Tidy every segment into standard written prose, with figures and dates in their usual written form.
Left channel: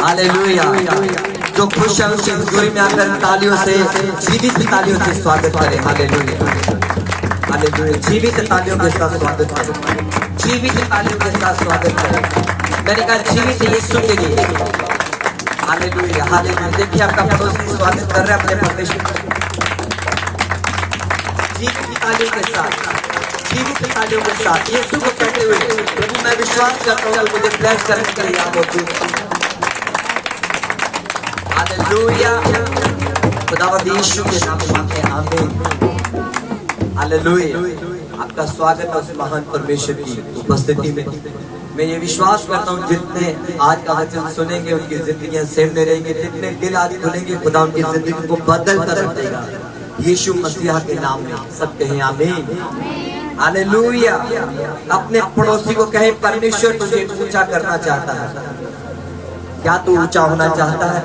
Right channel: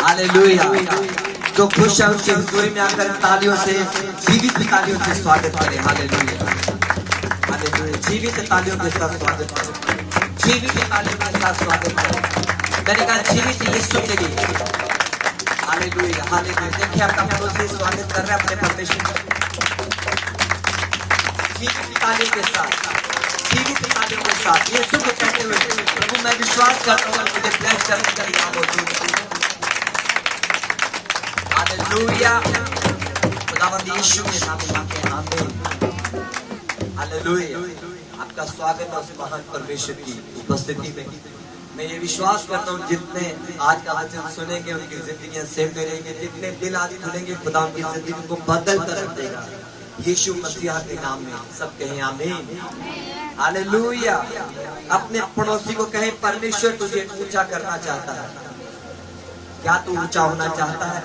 Hallelujah. जो खुश है उसके हुजूर में आकर तालियों से, जीवित तालियों से स्वागत करें। Hallelujah hallelujah. जीवित तालियों के साथ स्वागत करें, जीवित तालियों के साथ स्वागत करें। मैंने कहा जीवित यीशु के लिए। Hallelujah hallelujah. देखिए आपका पड़ोसी स्वागत कर रहा है अपने परमेश्वर। जीवित तालियों के साथ, जीवित तालियों के साथ यीशु को कहते हुए प्रभु मैं विश्वास करता हूँ मुझे ब्लेस करने के लिए आप मौजूद। हालेलुया। खुदावंद यीशु के नाम में मांगते हैं, आमीन। हालेलुया। आपका स्वागत है उस महान परमेश्वर की उपस्थिति में। मैं ये विश्वास करता हूँ जितने आज का वचन सुनेंगे उनकी जिंदगियां सेव में रहेंगी। जितने दिल आज खुलेंगे खुदा उनकी जिंदगी को बदल कर रख देगा यीशु मसीहा के नाम में। सब कहें आमीन। हालेलुया। अपने पड़ोसी को कहे परमेश्वर तुझे ऊंचा करना चाहता है। क्या तू ऊंचा होना चाहता है?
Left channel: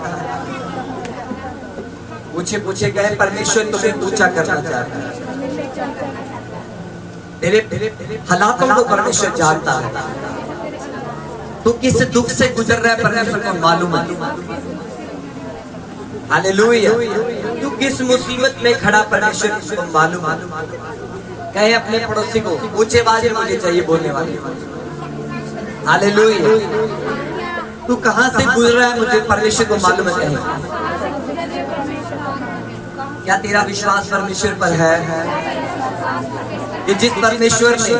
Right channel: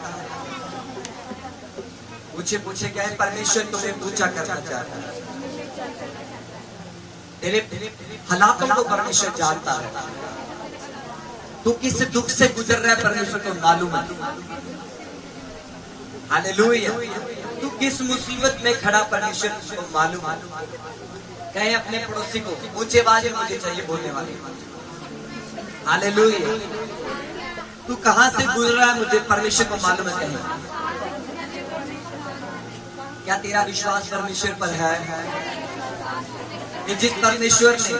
पूछे पूछे कहे परमेश्वर तुम्हें ऊंचा करना चाहता है। तेरे हालातों को परमेश्वर जानता है। तू किस दुख से गुजर रहा है परमेश्वर को मालूम है। हालेलुया। तू किस मुसीबत में खड़ा परमेश्वर को मालूम है। कहे अपने पड़ोसी को ऊंचे आवाज में मुझे चाहिए बोलने वाले। हालेलुया। तू कहां से गुजर रहा है मुझे परमेश्वर को मालूम है। कहे क्या तेरा विश्वास परमेश्वर पर है कि जिस परमेश्वर ने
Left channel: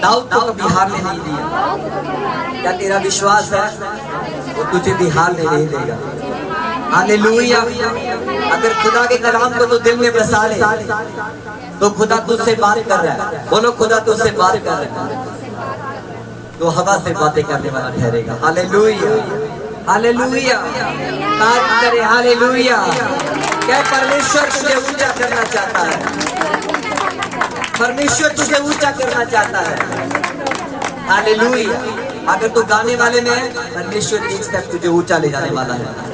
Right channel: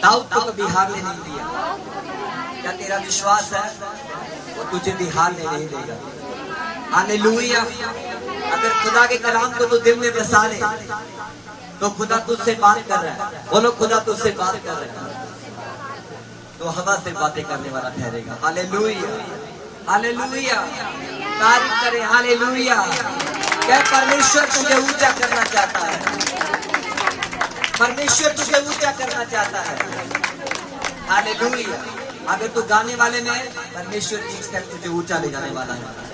दाऊद को कभी हार नहीं दिया, क्या तेरा विश्वास है वो तुझे भी हार नहीं देगा। हालेलुया। अगर खुदा के कलाम को तो दिल में बसा ले तो खुदा तुझसे बात कर रहा है। बोलो खुदा तुझसे बात कर रहा है तो हवा से बातें करने वाला ठहरेगा। Hallelujah hallelujah. तारीफ करे। हालेलुया। क्या परमेश्वर तुझे ऊंचा करना चाहता है। परमेश्वर तुझे ऊंचा करना चाहता है। हालेलुया। अगर तू गाने वाले में है परमेश्वर एक स्टेप तुझे ऊंचा ले जाने वाला है।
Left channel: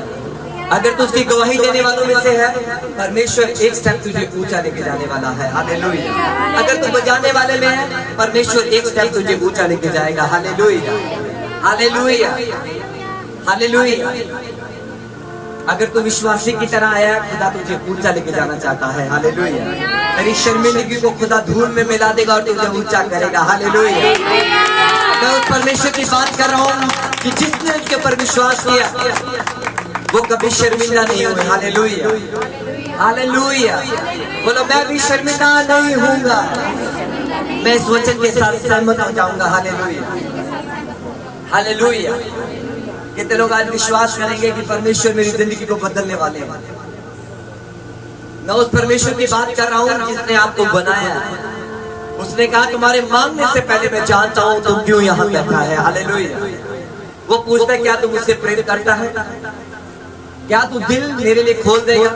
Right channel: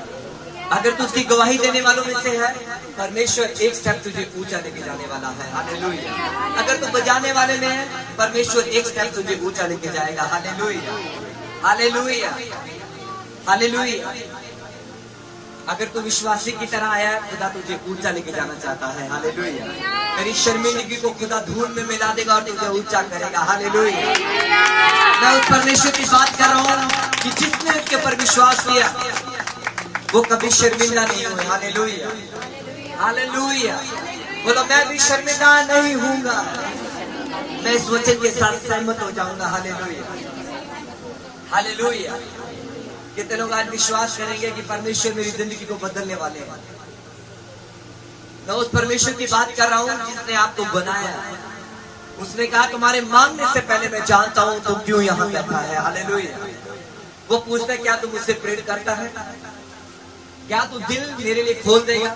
अगर तू उसकी गवाही देने वालों में से है परमेश्वर एक स्टेप तुझे ऊंचा लेके जाने वाला है। हालेलुया। अगर तू बजाने वाले में है परमेश्वर एक स्टेप तुझे ऊंचा लेके जाएगा। Hallelujah hallelujah hallelujah. अगर तू विश्वासी की तरह आया है खुदा तुझे ऊंचा लेके जाना चाहता है। हालेलुया। तेरी शर्मिंदगी को खुदा धूल में मिला देगा और तुझे ऊंचा करेगा। हालेलुया। मैं उस परमेश्वर की बात कर रहा हूँ कि जिसने उसके पर विश्वास किया वो कभी शर्मिंदा नहीं हुए। Hallelujah hallelujah. बोलो मैं भी शर्मिंदा नहीं हूँगा। मैं इस वचन के साथ सहमत हो जाऊंगा। Hallelujah hallelujah. कितने लोग आज विश्वास करेंगे कि परमेश्वर मेरी जिंदगी को बदलने वाले हैं। मैं उस परमेश्वर की बात कर रहा हूँ जिसने आपको बनाया है। उसने कहा तुम्हारे मांगने से पहले मैं जानता हूँ तुम क्यों यहाँ बैठा है। हालेलुया। वो पूछता है क्या तुम मुझसे प्रेम करता है, क्या तू दिल मेरे लिए खोल देगा।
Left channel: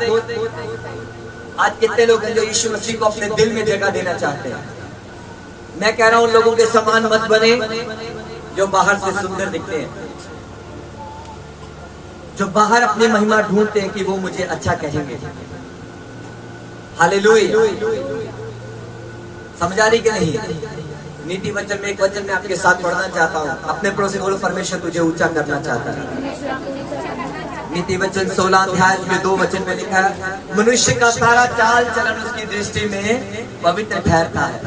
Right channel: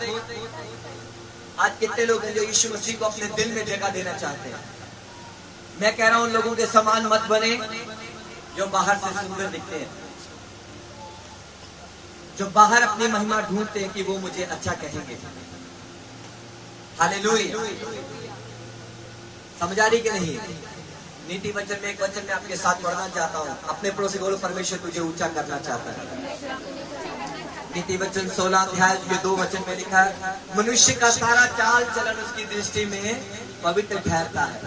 आज कितने लोग हैं जो यीशु मसीह को अपने दिल में जगह देना चाहते हैं। मैं कह रहा हूँ उन लोगों के समान मत बने जो बाहर से सुंदर दिखते हैं, जो बाहर अपनी महिमा ढूंढते हैं कि वो मुझे अच्छा कहेंगे। हालेलुया। समझा रही कि नहीं? नीति वचन में एक वचन में आपके साथ पढ़ना चाहता हूँ। अपने पड़ोसी बोलो परमेश्वर तुझे ऊंचा करना चाहता है। नीति वचन 16 अध्याय के 2 वचन में लिखा है मनुष्य का सारा चाल चलन उसकी दृष्टि में पवित्र ठहरता है।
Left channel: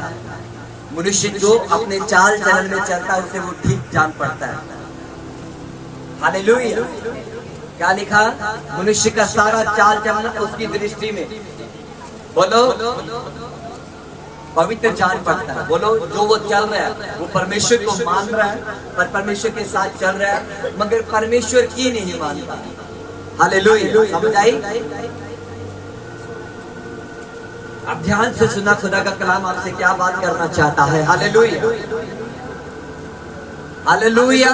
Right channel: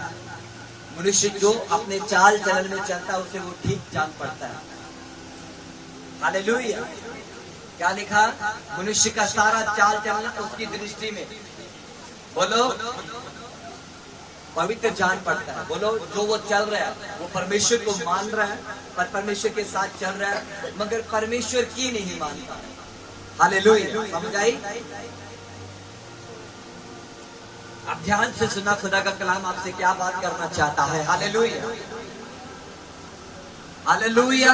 मनुष्य जो अपने चाल चलन में चलता है उसे वो ठीक जान पड़ता है। हालेलुया। क्या लिखा? मनुष्य का सारा चाल चलन उसकी दृष्टि में बोलो पवित्र जान पड़ता है। बोलो जो वो चल रहा है वो परमेश्वर को मान रहा है और परमेश्वर के साथ चल रहा है मगर परमेश्वर की नहीं मानता। हालेलुया। समझ आई? अब ध्यान से सुना खुदा का कलाम आपसे क्या बात करना चाहता है। Hallelujah hallelujah.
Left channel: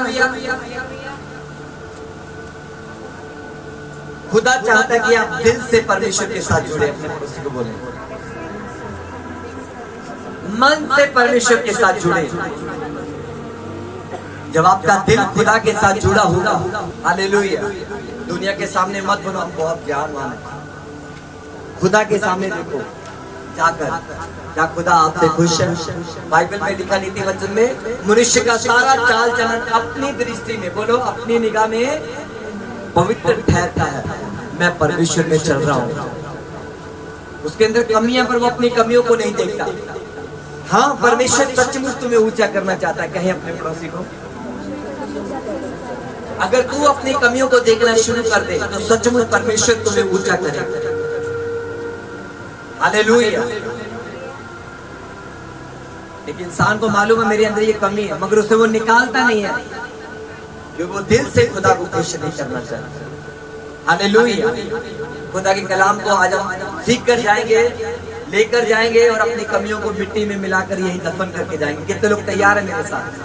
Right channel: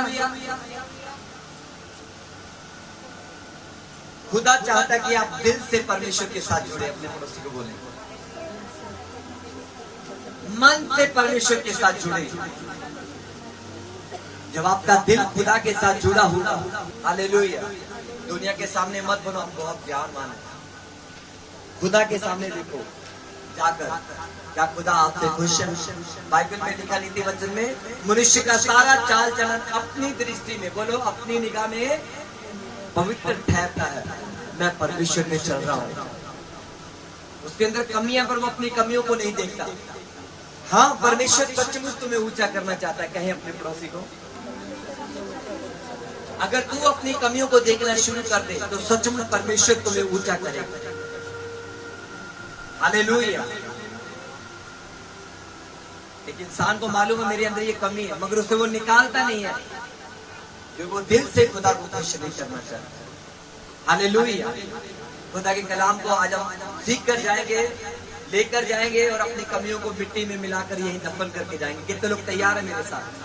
खुदा चाहता है कि आप दिल से परमेश्वर के साथ जुड़े। अपने पड़ोसी को बोले मन से परमेश्वर के साथ जुड़े। जब आपका दिल खुदा के साथ जुड़ा होगा, हालेलुया, दुनिया के सामने मत बनो हम बहुत ज्ञानवान है। खुदा के सामने देखो सिखाकर। क्या खुदा आपसे खुश है? बाइबल में लिखा नीति वचन में, मनुष्य का सारा चाल चलन अपनी दृष्टि में, बोलो अपनी निगाह में पवित्र ठहरता है। मैं परमेश्वर में चल रहा हूँ, उसके अंदर कमियां, पर वो अपनी कमियों को नहीं देखता। हाँ, परमेश्वर सचमुच तुम्हें ऊंचा करना चाहता है। कहें अपने पड़ोसी को, अगर तू अपनी कमियों को देखना शुरू कर दे तो सचमुच परमेश्वर तुम्हें ऊंचा करेगा। हालेलुया। एक इंसान को मालूम है मेरे अंदर ये कमी है, मगर उसे वो निकालता नहीं है, क्योंकि वो दिल से खुदा को खुश नहीं करना चाहता। हालेलुया। खुदा के कलाम को आज हम सीख कर जाएंगे, लेकर जाएंगे और अपनी कमियों को मिट्टी में मिलाकर यही दफन करके जाएंगे। कितने लोग तैयार हैं मेरे साथ?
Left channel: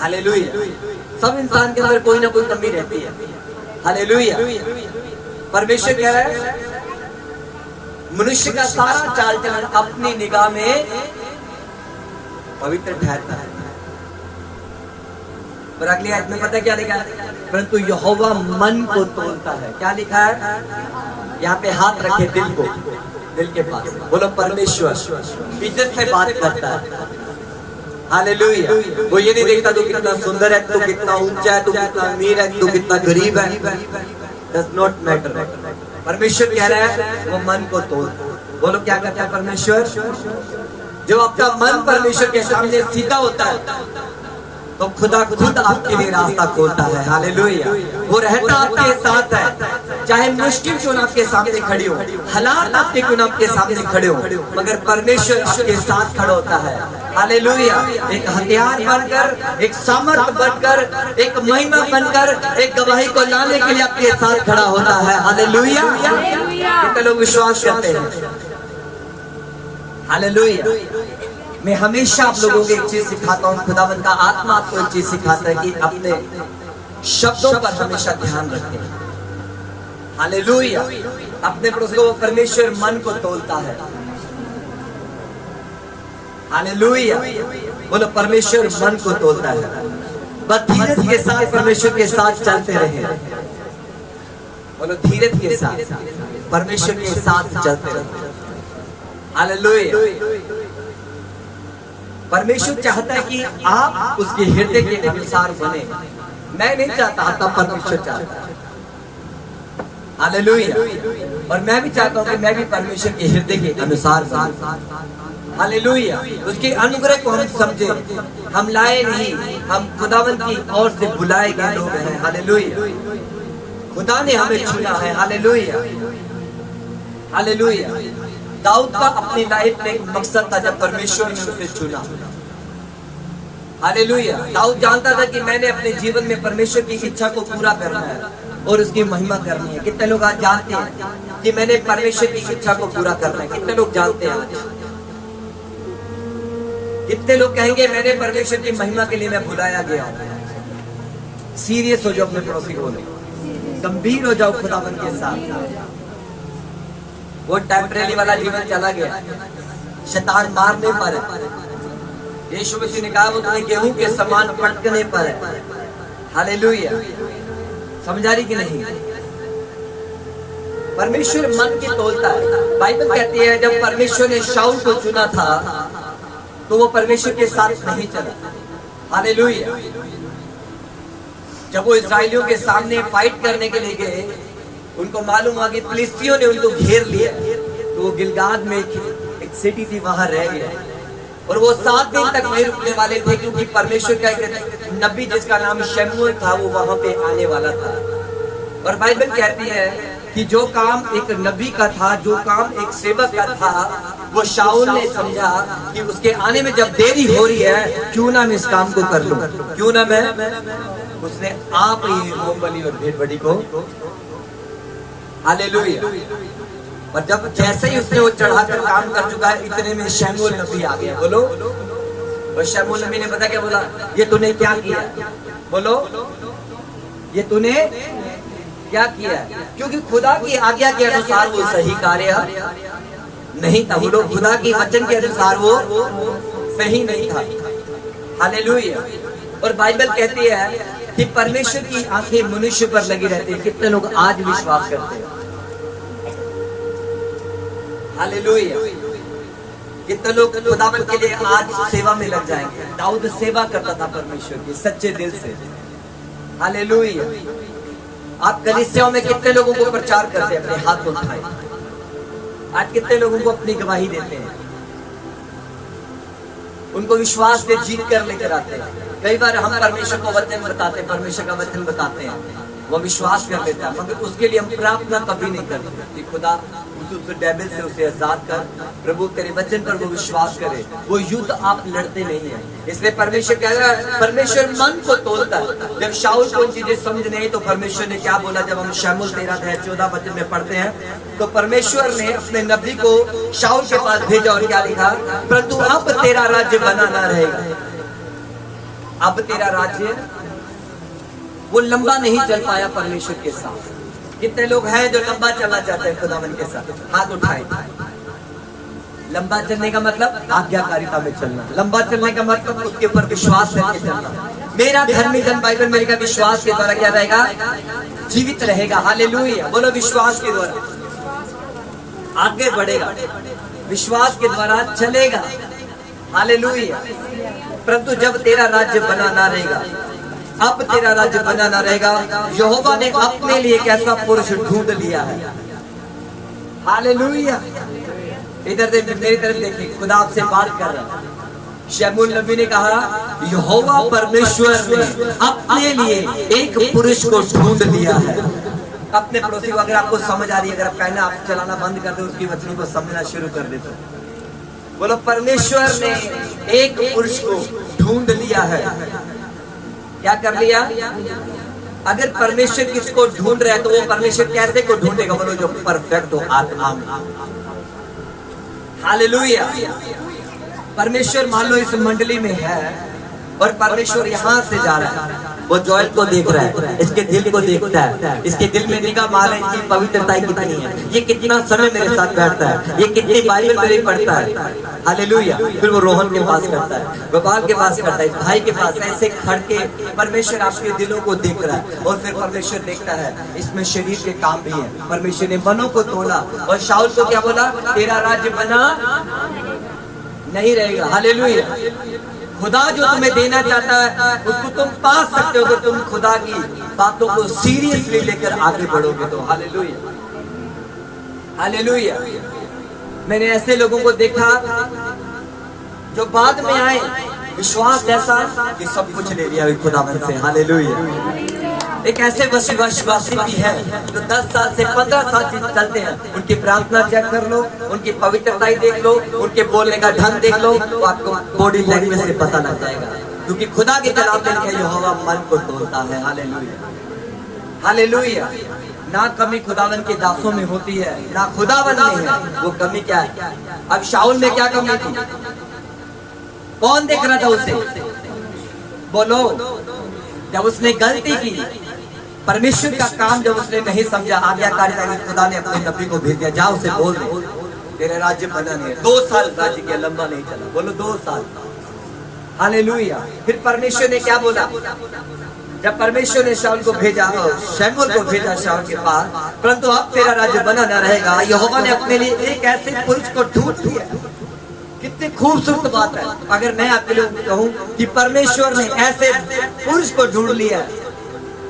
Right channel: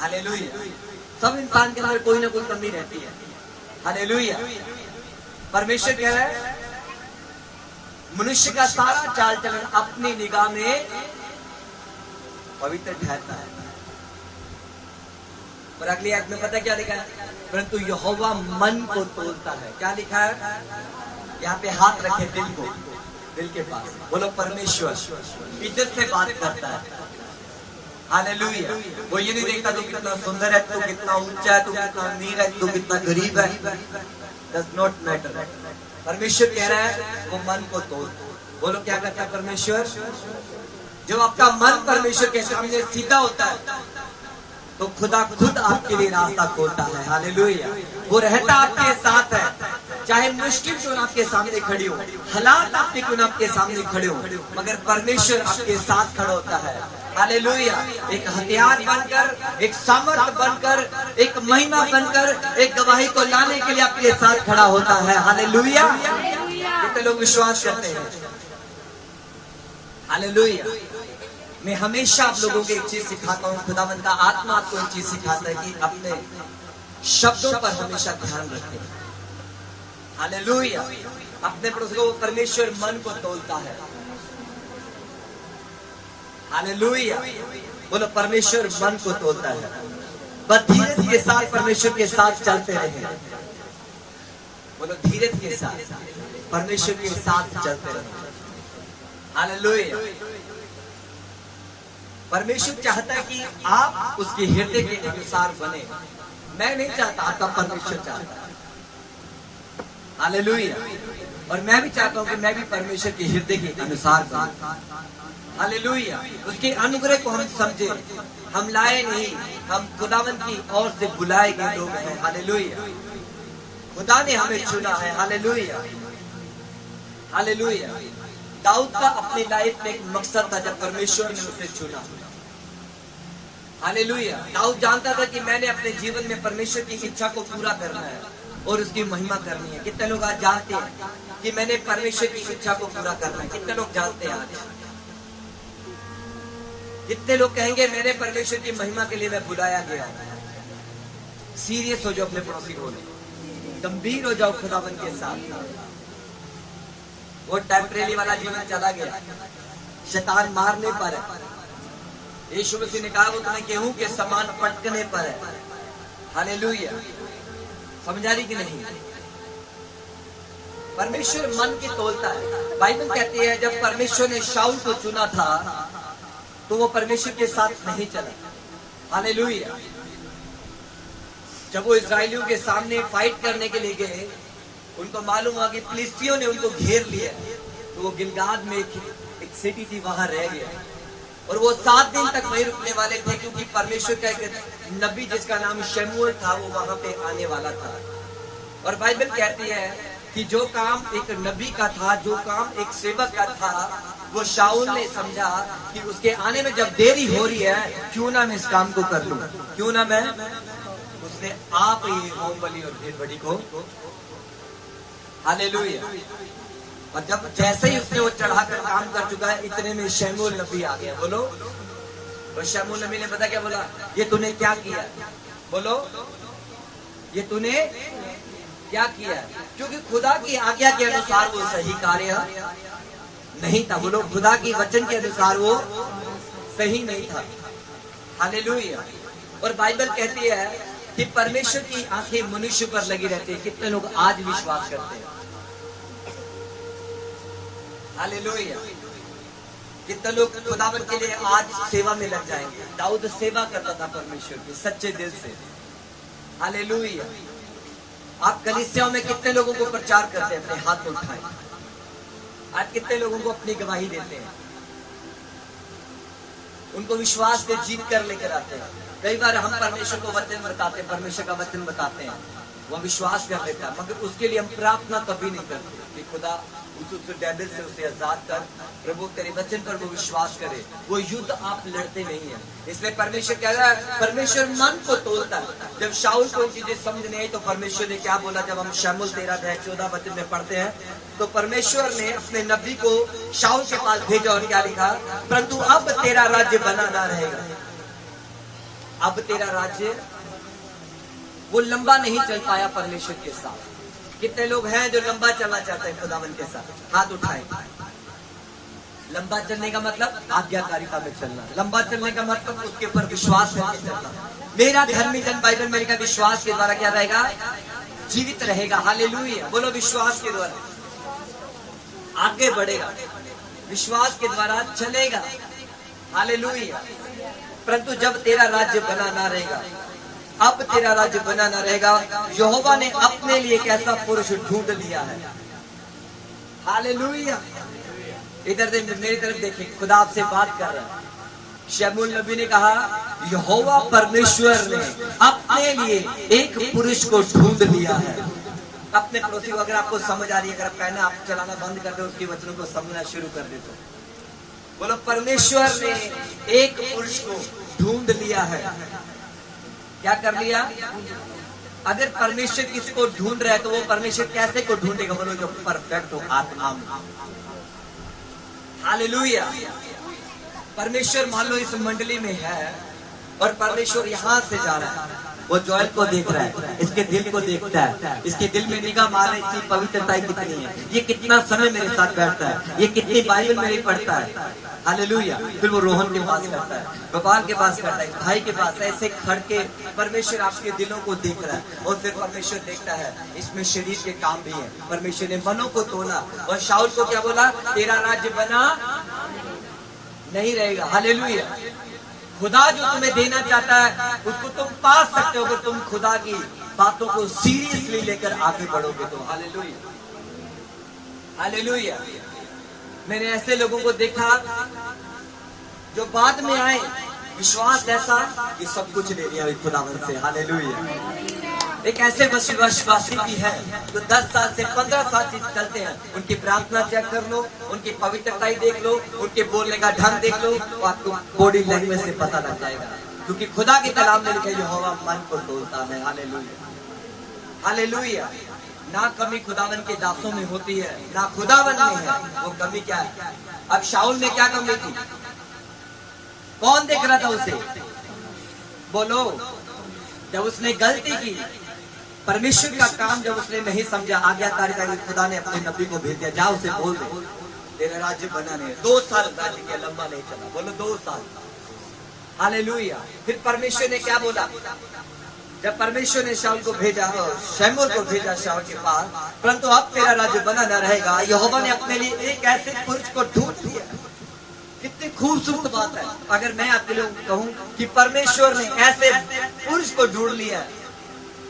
हालेलुया। सब इंसान के अंदर कोई ना कोई कमी रहती है। हालेलुया। परमेश्वर कह रहा है मनुष्य का सारा चाल चलन अपनी निगाह में पवित्र ठहरता है। पर अगली आयत में पता क्या लिखा है? परंतु यहोवा मन को तोलता है। क्या लिखा है? यहाँ पे हाथ रखे दिल को, दिल के पास। बोलो परमेश्वर इज्जत से बात करता है। हालेलुया। वो ये नहीं देखता तू कितना सुंदर है, तू कितना ऊंचा है, तू कितना अमीर है, तू कितना गरीब है। Does not matter. परमेश्वर कह रहा है वो मन को तोल। बोलो क्या करता है परमेश्वर? जो आपका मन परमेश्वर के सामने सीधा होता है तो खुदा खुद आपके लिए रास्ता खोलता है। हालेलुया। वो रहता आपके साथ है, चाहे मुश्किल क्यों ना आपके सामने खड़ी हो, हालात आपके क्यों ना आपके सामने खड़े हो, मगर परमेश्वर आपके साथ खड़ा होता है। हालेलुया। एक हथियार बनकर, एक सामर्थ बनकर, एक महिमा बनकर, एक गवाही को लाने के लिए आपके साथ खड़ा होता है। हालेलुया। कितने लोग विश्वास करते हैं? हालेलुया। मैं हमेशा आप लोगों को एक चीज सिखाता हूँ, खुदावंद का आत्मा आपको एक चीज सिखाता है कि अपने शब्दों पर हमेशा ध्यान रखें। हालेलुया। अपने पड़ोसी को परमेश्वर मन को तोलता है। हालेलुया। बोलो परमेश्वर मन को तोलता है। बस धीरज के साथ परमेश्वर के साथ चलते रहे। बोलो धीरज के साथ परमेश्वर के साथ चलते रहे। हालेलुया। परमेश्वर चाहता है कि आप उसके हृदय के अनुसार बने। मैं नहीं चाहता, आपका परमेश्वर चाहता है। हालेलुया। और मैं भी चाहता हूँ कि मैं भी परमेश्वर के हृदय के अनुसार बनूं। हालेलुया। उसके अनुग्रह को हम समझे। हम लाए नहीं, हम खुदावंद की ओर से बुलाए गए लोग हैं। हालेलुया। खुदा ने हमें चुना है। हालेलुया। हालेलुया। दाऊद का अपनी लाइफ में एक मकसद था जब परमेश्वर ने उसे चुना। हालेलुया। दाऊद जानता था कि मैंने अपने जीवन में परमेश्वर की इच्छा को पूरा करना है और उसकी महिमा करनी है। कितने लोग आज जानते हैं कि मैंने परमेश्वर की इच्छा को पूरा करना है? कितने लोग जानते हैं आज? कितने लोग कहेंगे मैंने परमेश्वर की महिमा के लिए मैं बुलाया गया हूं? सीरियस हो जाओ, अपने पड़ोसी को गंभीर हो जाओ खुदावंद के साथ। वो टेम्परेरी वाला जीवन चला गया, शैतान मारने पर है। यीशु मसीह ने कहा वो तुम्हें गेहूं के समान पटकने पर है। हालेलुया। समझा रही कि नहीं? परमेश्वर मन की तोलता है। बाइबल कहती है जब परमेश्वर ने शाऊल को चुना था तो वो परमेश्वर के साथ नहीं चला। हालेलुया। जब वो इस्राएलियों के सामने फाइट करने के लिए गए, उनको मालूम हुआ कि फिलिस्तियों ने उनको घेर लिया, तो वो गिलगाद में एक सिटी थी, वहां रह गया। और वो 7 दिन तक वहीं रुकने वाले थे, क्योंकि परमेश्वर का एक नबी जिसका नाम शमूएल था वो वहां पे आने वाला था। और बाइबल कहती है कि जो काम एक नबी का था, जो काम एक सेवक का था, वो शाऊल ने समझा कि उसके आने में जब देरी हो रही है, क्यों ना मैं इस काम को कर लूं, क्यों ना मैं। उसने आप ही होम बलि और भेड़ बलि को। हालेलुया। और जब जैसे ही उसने वो चढ़ाकर काम कर चुका है, इतने में शमूएल नबी आ गया। बोलो। और शमूएल नबी ने पता क्या बोला? ये तूने क्या किया? बोलो ये तूने क्या किया? क्योंकि खुदा की आज्ञा के अनुसार वो सही कार्य नहीं था। वो लोग खुदा की वचन के अनुसार वो सही नहीं था। हालेलुया। और बाइबल कहती है कि परमेश्वर की आंखें मनुष्य पर लगी रहती है। कितने लोग आज विश्वास करते हैं? हालेलुया। कितने लोग खुदावन के लिए आज सेवा में लग जाएंगे। दाऊद सेवा करता था परमेश्वर की सच्चे दिल से। हालेलुया। आप कलीसियाओं में कितने लोगों को प्रचार करते हैं? अपने हाथ उठाए। आज कितने लोगों को अपनी गवाही देते हैं, उनको विश्वास से जीत कर लेकर आते हैं। कई बार हम परमेश्वर को वचन बताते हैं, परमेश्वर का वचन बताते हैं, वो विश्वास कर लेता है, मगर उसके लिए हम प्रार्थना कभी नहीं करते कि खुदा उस डेविल से उसे आजाद कर, प्रभु तेरे वचन पर वो विश्वास करे। वो युद्ध आप लड़ते नहीं है। इसलिए परमेश्वर कह रहा है, परमेश्वर मन को तोलता है। जब शाऊल को चीजें समझ नहीं तो परमेश्वर ने क्या बोला? जब हम शमूएल 13:14 वचन में पढ़ते हैं तो परमेश्वर ने अपने नबी को शाऊल के पास भेजा और क्या लिखा? परंतु अब तेरा राज्य बना ना रहेगा। अब तेरा राज्य वो लंबा नहीं चल पाया परमेश्वर के साथ। कितने लोग हैं जो लंबा चलना चाहते हैं खुदावन के साथ? हाथ उठाए। लंबा चलने का मतलब आज्ञाकारिता में चलना। लंबा चलने का मतलब उसके ऊपर विश्वास करके चलना। मेरा धर्मी जन बाइबल मेरे का विश्वास के द्वारा क्या रहेगा? जीवित रहेगा। हालेलुया। बोलो विश्वास के द्वारा आगे बढ़ेगा, विश्वास के द्वारा चलेगा। हालेलुया। परंतु जब तेरा राज्य बना ना रहेगा, अब तेरा राज्य बना ना रहेगा, यहोवा ने अपने लिए एक ऐसा पुरुष ढूंढ लिया है। हालेलुया। इधर मेरी तरफ देखिए, खुदा आपसे बात कर रहा है। शमूएल नबी ने कहा, यहोवा परमेश्वर ने अपने लिए एक पुरुष को ढूंढ लिया है। अपने पड़ोसी को, अगर आपको समझ आ रही है, अगर आप कहना आप चलाना बंद कर दे, उसकी वचनों को समझना शुरू कर दे तो बोलो, परमेश्वर ने एक पुरुष को ढूंढ लिया है। क्या कर लिया? अगर परमेश्वर किसको ढूंढ रहा है तो वो परमेश्वर कैसे को ढूंढेगा? बोलो, जो परफेक्ट हो आत्मा में। हालेलुया। परमेश्वर मान लो इस मंडली में है और परमेश्वर यहाँ से जा रहा है, वो जॉयल को देख रहा है, इसके दिल को देखता है, इसके दिल में निगाह मार रहा है, इसकी पवित्रता कितनी है, ये कितना समय मेरे साथ बैठता है, ये कितनी बाइबल मेरी पढ़ता है। हालेलुया। फिर वो रोहन के पास करता है, गोपाल के पास करता है, भाई के पास, ऐसे खड़ के परमेश्वर आपके दिलों को देख रहा है। और फिर परमेश्वर देखता है इसमें शरीर के काम भी है। परमेश्वर ने मनों को तोला और शाऊल को क्या बोला? तेरा राज्य बना नहीं रहेगा। हालेलुया। खुदा जो तुम्हें देना चाहता है उसको तुम पा सकते हो अगर तुम खुदा की बातों को सीरियसली लेकर आगे बढ़ोगे तो। हालेलुया। हालेलुया। मैंने ऐसे लोगों को देखा जो बाद में आए, विश्वास ऐसा कि सब कुछ ले लिया खुदावन से। हालेलुया। एक ऐसे विश्वासी भी है जो 10 साल से 15 साल से चलते हैं। उनकी प्रार्थना चेक कर लो, उनकी पवित्रता देख लो, उनके बोलने का ढंग देख लो, तो आपको बॉडी लैंग्वेज से पता लग जाएगा। क्योंकि खुदा के कलाम में लिखा है यहोवा मन को तोलता है। हालेलुया। हालेलुया। ना कमी खुदावन के दासों में होती है, ना खुदावन में है। वो कमी क्या है? अब शाऊल में क्या कमी थी? कौन देख रहा था उसे? बोलो। जब उसने गलती की, परमेश्वर का काम जब उसने नहीं समझा, आज्ञाकारिता में खुदा ने अपने नबी को भेज दिया, जाओ उसे बोल दे तेरे राज्य बना नहीं है। 2 साल राज्य किया, लंबा नहीं चला। बोलो 2 साल। हालेलुया। फिर परमेश्वर ने क्या बोला? जब परमेश्वर ने शाऊल को भेजा, शमूएल को भेजा शाऊल के पास, परंतु अब तेरा राज्य बना न रहेगा, यहोवा ने अपने लिए एक ऐसे पुरुष को ढूंढ लिया। कितनी खूबसूरत बात है। अगर मैं आपके लिए कहूं कि परमेश्वर ने ऐसे पुरुष को ढूंढ लिया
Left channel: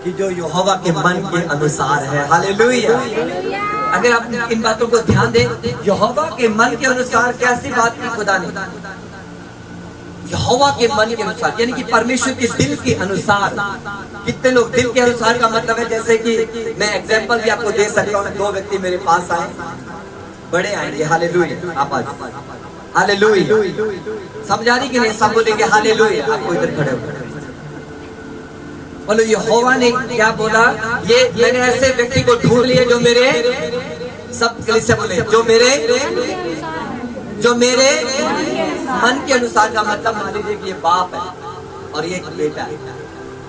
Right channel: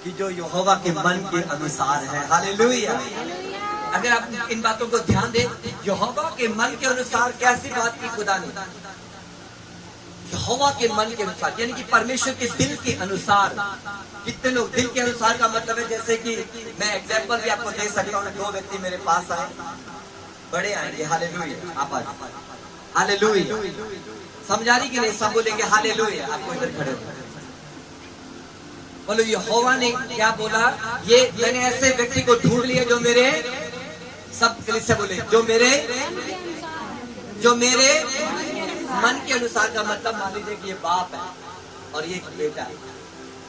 कि जो यहोवा के मन के अनुसार है। हालेलुया। अगर आप इन बातों को ध्यान दें, यहोवा के मन के अनुसार कैसी बात की खुदा ने? यहोवा के मन के अनुसार, यानी कि परमेश्वर के दिल के अनुसार। कितने लोग दिल के अनुसार का मतलब है, जैसे कि मैं एग्जांपल भी आपको दे सकता हूँ। 2 व्यक्ति मेरे पास आए, बड़े आएंगे। हालेलुया। आप हालेलुया। समझा रही कि नहीं? सब बोलेंगे हालेलुया। आपको इधर खड़े हो बोलो, यहोवा ने क्या बोला? ये मैंने ऐसे व्यक्ति को ढूंढ लिया जो मेरे, सब से बोले, जो मेरे मन के अनुसार का मतलब मान लीजिए कि ये बाप है और ये एक बेटा है।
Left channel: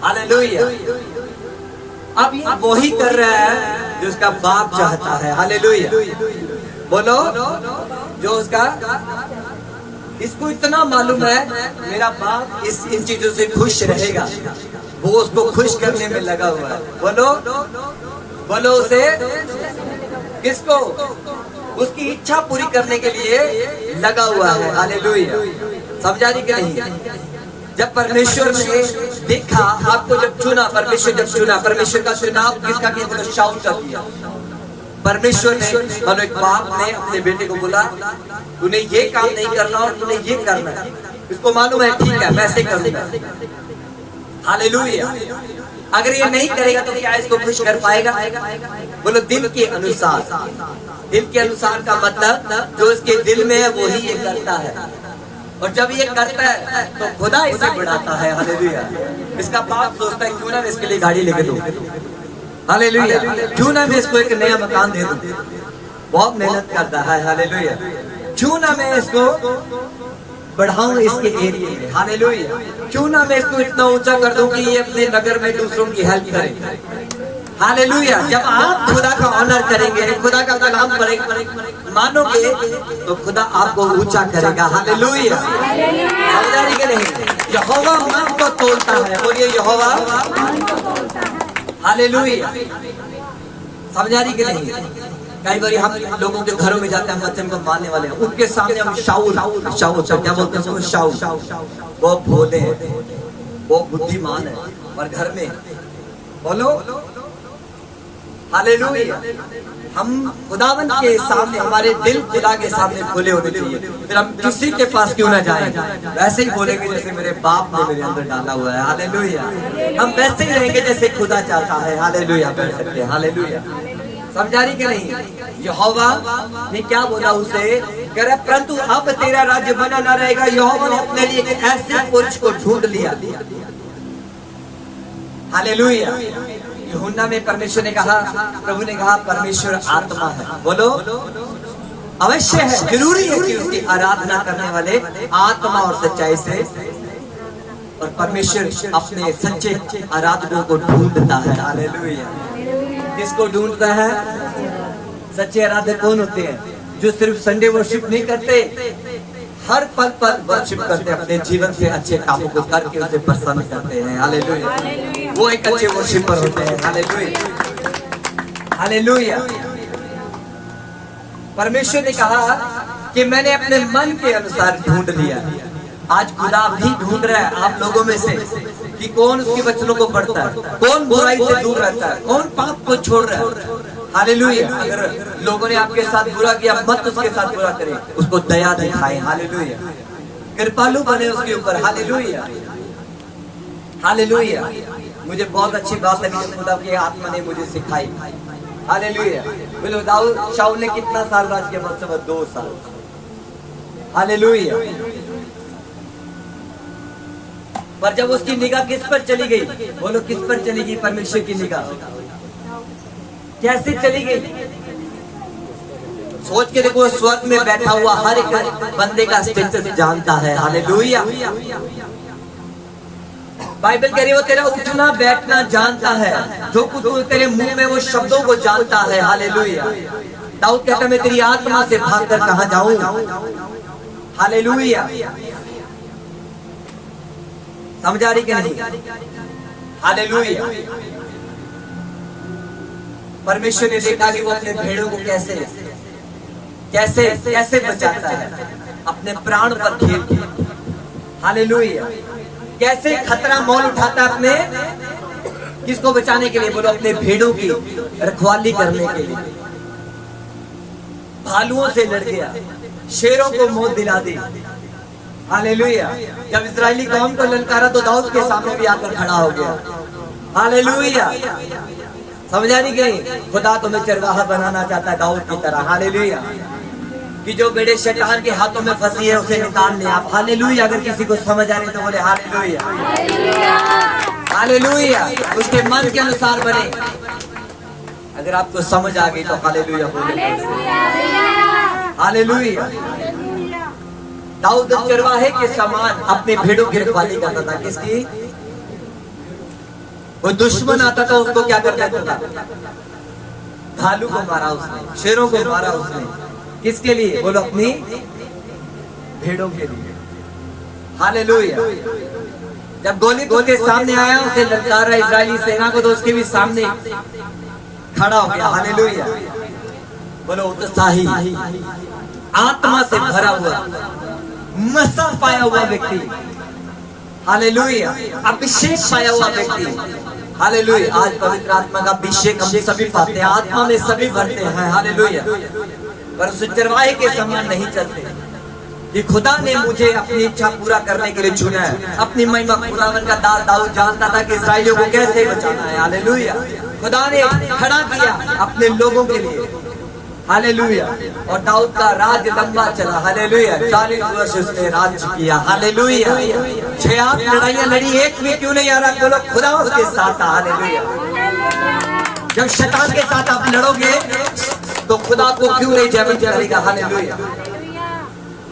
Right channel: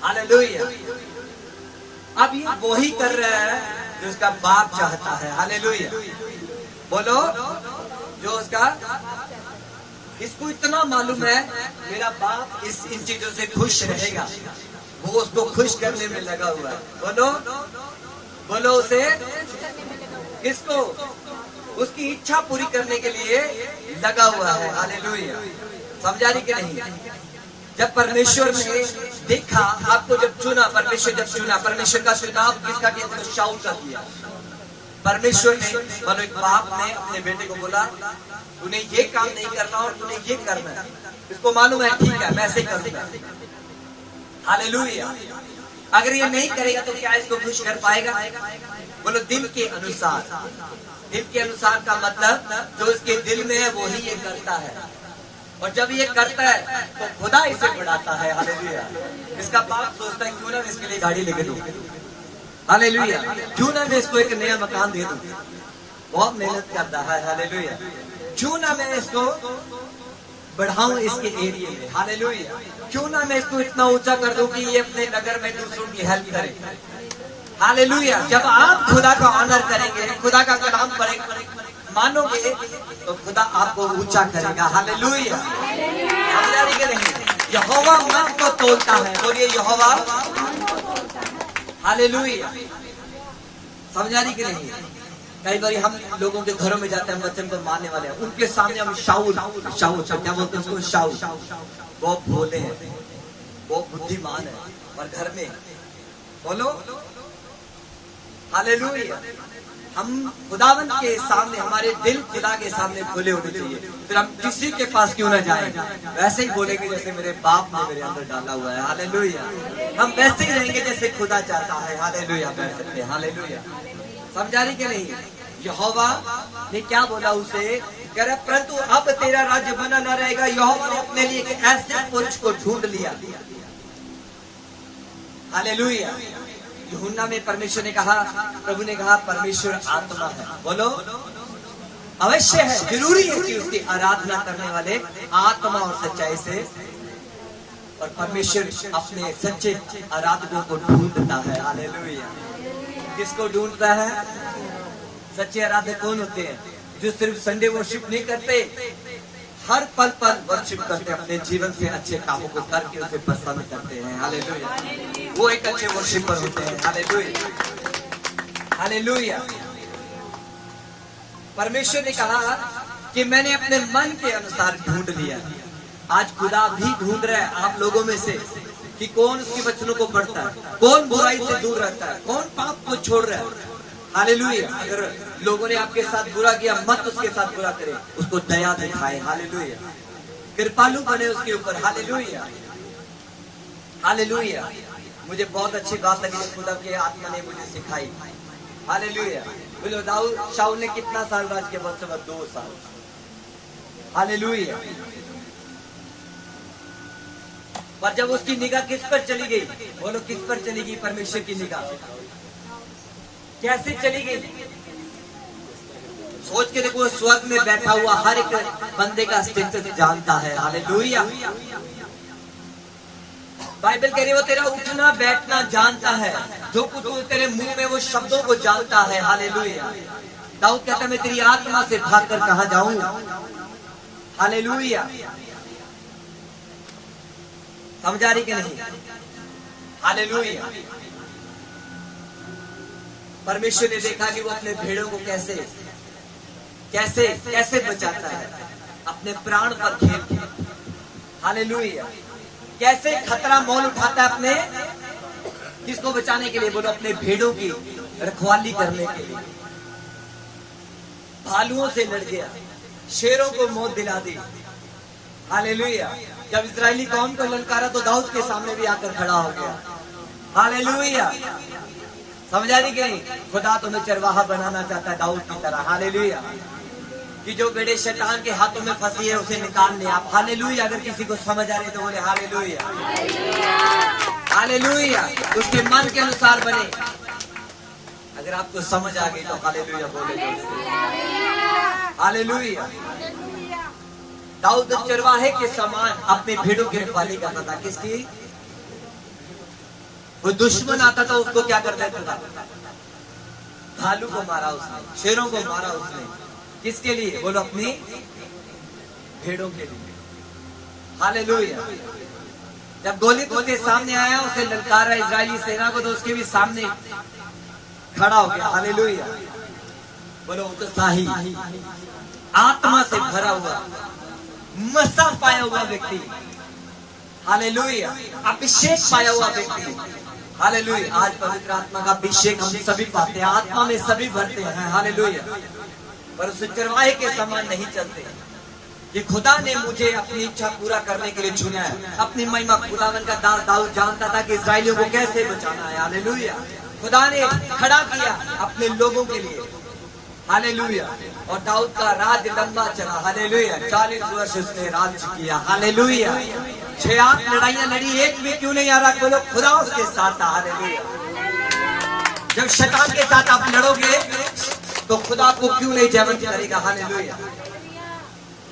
हालेलुया। अब ये वही कर रहा है जो उसका बाप चाहता है। हालेलुया। बोलो, जो उसका, इसको इतना मालूम है मेरा बाप इन चीजों से खुश रहेगा, वो उसको खुश करने में लगा हुआ है। बोलो, बोलो उसे, किसको? उसकी इच्छा पूरी करने के लिए लगा हुआ है। हालेलुया, समझा रही कि नहीं? जब परमेश्वर ने देखा, आपको जब चुना, परमेश्वर जब चुना, परमेश्वर का चुनाव किसका किया? तो शाऊल का किया। परमेश्वर ने, और एक बाप ने अपने बेटे को बोला, तूने ये काम नहीं करना और तूने ये करना है। इसको मालूम है, ठीक है, मैं ऐसे करूंगा। हालेलुया। अगर ये नहीं करेगा तो क्या इसको खुश कर पाएगा? बोलो दिल के अनुसार। दिल के अनुसार का मतलब जो इसके दिल में है वही ये करता है, और जब ये करता है तो खुदा इसे बढ़ाता है। हालेलुया। इसका बाप सोचता है क्यों ना मैं इसके लिए गाड़ी लेके दूं, हालेलुया, क्यों ना मैं इसको एक नया मकान दे दूं। बहुत मेहनत करता है। हालेलुया। क्यों ना मैं इसको बढ़ाऊं इसके एरिया में। हालेलुया। क्यों ना मैं इसको इतना ऊंचा कर दूं कि ये अपने नगर में दूसरों की हेल्प करे। हालेलुया। जब आप खुदा का ऑनर करेंगे, खुदा का कलाम मानोगे तो खुदा आपको ऊंचा करेगा। हालेलुया। समझ के नहीं? यहोवा मन को तोलता है। बोलिए यहोवा। हालेलुया। समझा रही कि नहीं? कई बार हम लोगों के घरों में जाते हैं, वचन को मानने वाले हैं, उनके सामने हम शाऊल क्या बोलते हैं? शाऊल। वो भोले हैं, वो बुद्धिमान है, और घर में बोलो हालेलुया। हम खुदावंत के सामने, हमारे दिल खुदा के सामने खुले होने चाहिए। फिर हम किसी के पास क्यों ना जाएं, वैसे ही बोलेंगे जैसे मेरे बाप ने मेरे अंदर डाला हुआ है। हालेलुया। हम वैसे ही रहेंगे जैसे खुदा चाहता है। हालेलुया। बैठ सकते हैं। हालेलुया। समझा रही कि नहीं? यहोवा ने क्या बोला उसे? कह रहा परंतु अब तेरा राज्य बना न रहेगा। यहोवा ने अपने लिए एक ऐसे पुरुष को ढूंढ लिया। हालेलुया। यूहन्ना में परमेश्वर ने कहा, प्रभु ने कहा परमेश्वर आत्मा है। बोलो अवश्य है, जरूरी है कि उसकी आराधना करने वाले आत्मा और सच्चाई से, और परमेश्वर अपने सच्चे आराधकों को ढूंढता है। हालेलुया। किसको ढूंढता है? सच्चे आराधक कौन होते हैं? जो सिर्फ संडे वर्शिप नहीं करते, हर पल पर वर्शिप करते हैं, अपने जीवन से अच्छे कामों को करके उसे प्रसन्न करते हैं। हालेलुया। वो एक अच्छे वर्शिपर होते हैं। हालेलुया। हालेलुया। परमेश्वर ने कहा कि मैंने अपने मन के अनुसार ढूंढ लिया। आज खुदा भी ढूंढ रहा है आप लोगों में से कि कौन उसके वचनों को पढ़ता है, कौन बुराई से दूर रहता है, कौन पाप को छोड़ रहा है। हालेलुया। अगर लोगों ने आपके साथ बुरा किया, मत उसके साथ बुरा करें, उसको दया दिखाएं। हालेलुया। कृपालु बने उसके ऊपर। हालेलुया। हालेलुया। मुझे बहुत अच्छी बात लगी, खुदा की आत्मा ने मुझे सिखाई। हालेलुया। बोलो दाऊद, शाऊल ने कितना साल राज किया? मतलब 2 साल। हालेलुया। पर जब उसकी निगाह किस पर चली गई? बोलो किस पर चली गई? परमेश्वर की निगाह कैसे चली गई? सोच के देखो, स्वर्ग में बैठा हुआ हर एक बंदे का स्टेटस जानता है। हालेलुया। बाइबल कह रही है वो तेरा उठना बैठना जानता है, जो कुछ तेरे मुंह में वो शब्दों को जानता है। हालेलुया। दाऊद कहता मैं तेरी आत्मा से भागकर कहां जाऊं? हालेलुया। समझा रही कि नहीं? हालेलुया। परमेश्वर ने देखा कि वो अपने भेड़ों को कैसे कैसे कैसे बचाता है, अपने प्राण पर खेल के। हालेलुया। कैसे खतरा मोल उठाता है अपने किसको बचाने के लिए? बोलो अपने भेड़ों की रखवाली करने के लिए। भालुओं से लड़ गया, शेरों को मौत दिला दी। हालेलुया। जब इजरायली कौम को ललकारा तो दाऊद के सामने भी आकर खड़ा हो गया। हालेलुया। समझा नहीं गई? खुदा तुम्हें चरवाहा बनाना चाहता है दाऊद की तरह। हालेलुया। कि जो बेड़े शैतान के हाथों में फंसी है उसे निकाल ले आप। हालेलुया। अगर किसी को समझ आ रही तो बोले हालेलुया। हालेलुया। उसके मन के अनुसार बने। अगर आपको समझ आ गई तो हालेलुया बोले। हालेलुया। दाऊद चरवाहे के समान अपने भेड़ों की रखवाली करता था। किसकी? वो दुश्मन आता था उसको क्या करता था? भालू को मारा उसने, शेरों को मारा उसने। किसके लिए? बोलो अपनी भेड़ों के लिए। हालेलुया। जब गोलियत उसके सामने आया, उसे ललकारा इजरायली सेना को, तो उसके भी सामने खड़ा हो गया। हालेलुया। बोलो उत्साही, आत्मा से भरा हुआ, मसा पाया हुआ व्यक्ति, हालेलुया, अभिषेक पाया हुआ व्यक्ति, हालेलुया। आज पवित्र आत्मा का अभिषेक हम सभी पाते हैं, आत्मा में सभी भरते हैं, हालेलुया। पर चरवाहे के समान नहीं चलते कि खुदा ने मुझे अपनी इच्छा पूरा करने के लिए चुना है। अपनी महिमा खुदावन का दाऊद जानता था कि इस्राएलियों को कैसे बचाना है, हालेलुया। खुदा ने खड़ा किया अपने लोगों के लिए, हालेलुया। और दाऊद का राज लंबा चला, हालेलुया। 40 वर्ष उसने राज किया, हालेलुया। 6 लड़ाइयां लड़ी, एक भी क्यों नहीं आ रहा? बोलो खुदा उसके साथ था, हालेलुया। जब शैतान के साथ आप लड़ोगे तो खुदा को क्यों नहीं जयवंत करेगा, हालेलुया,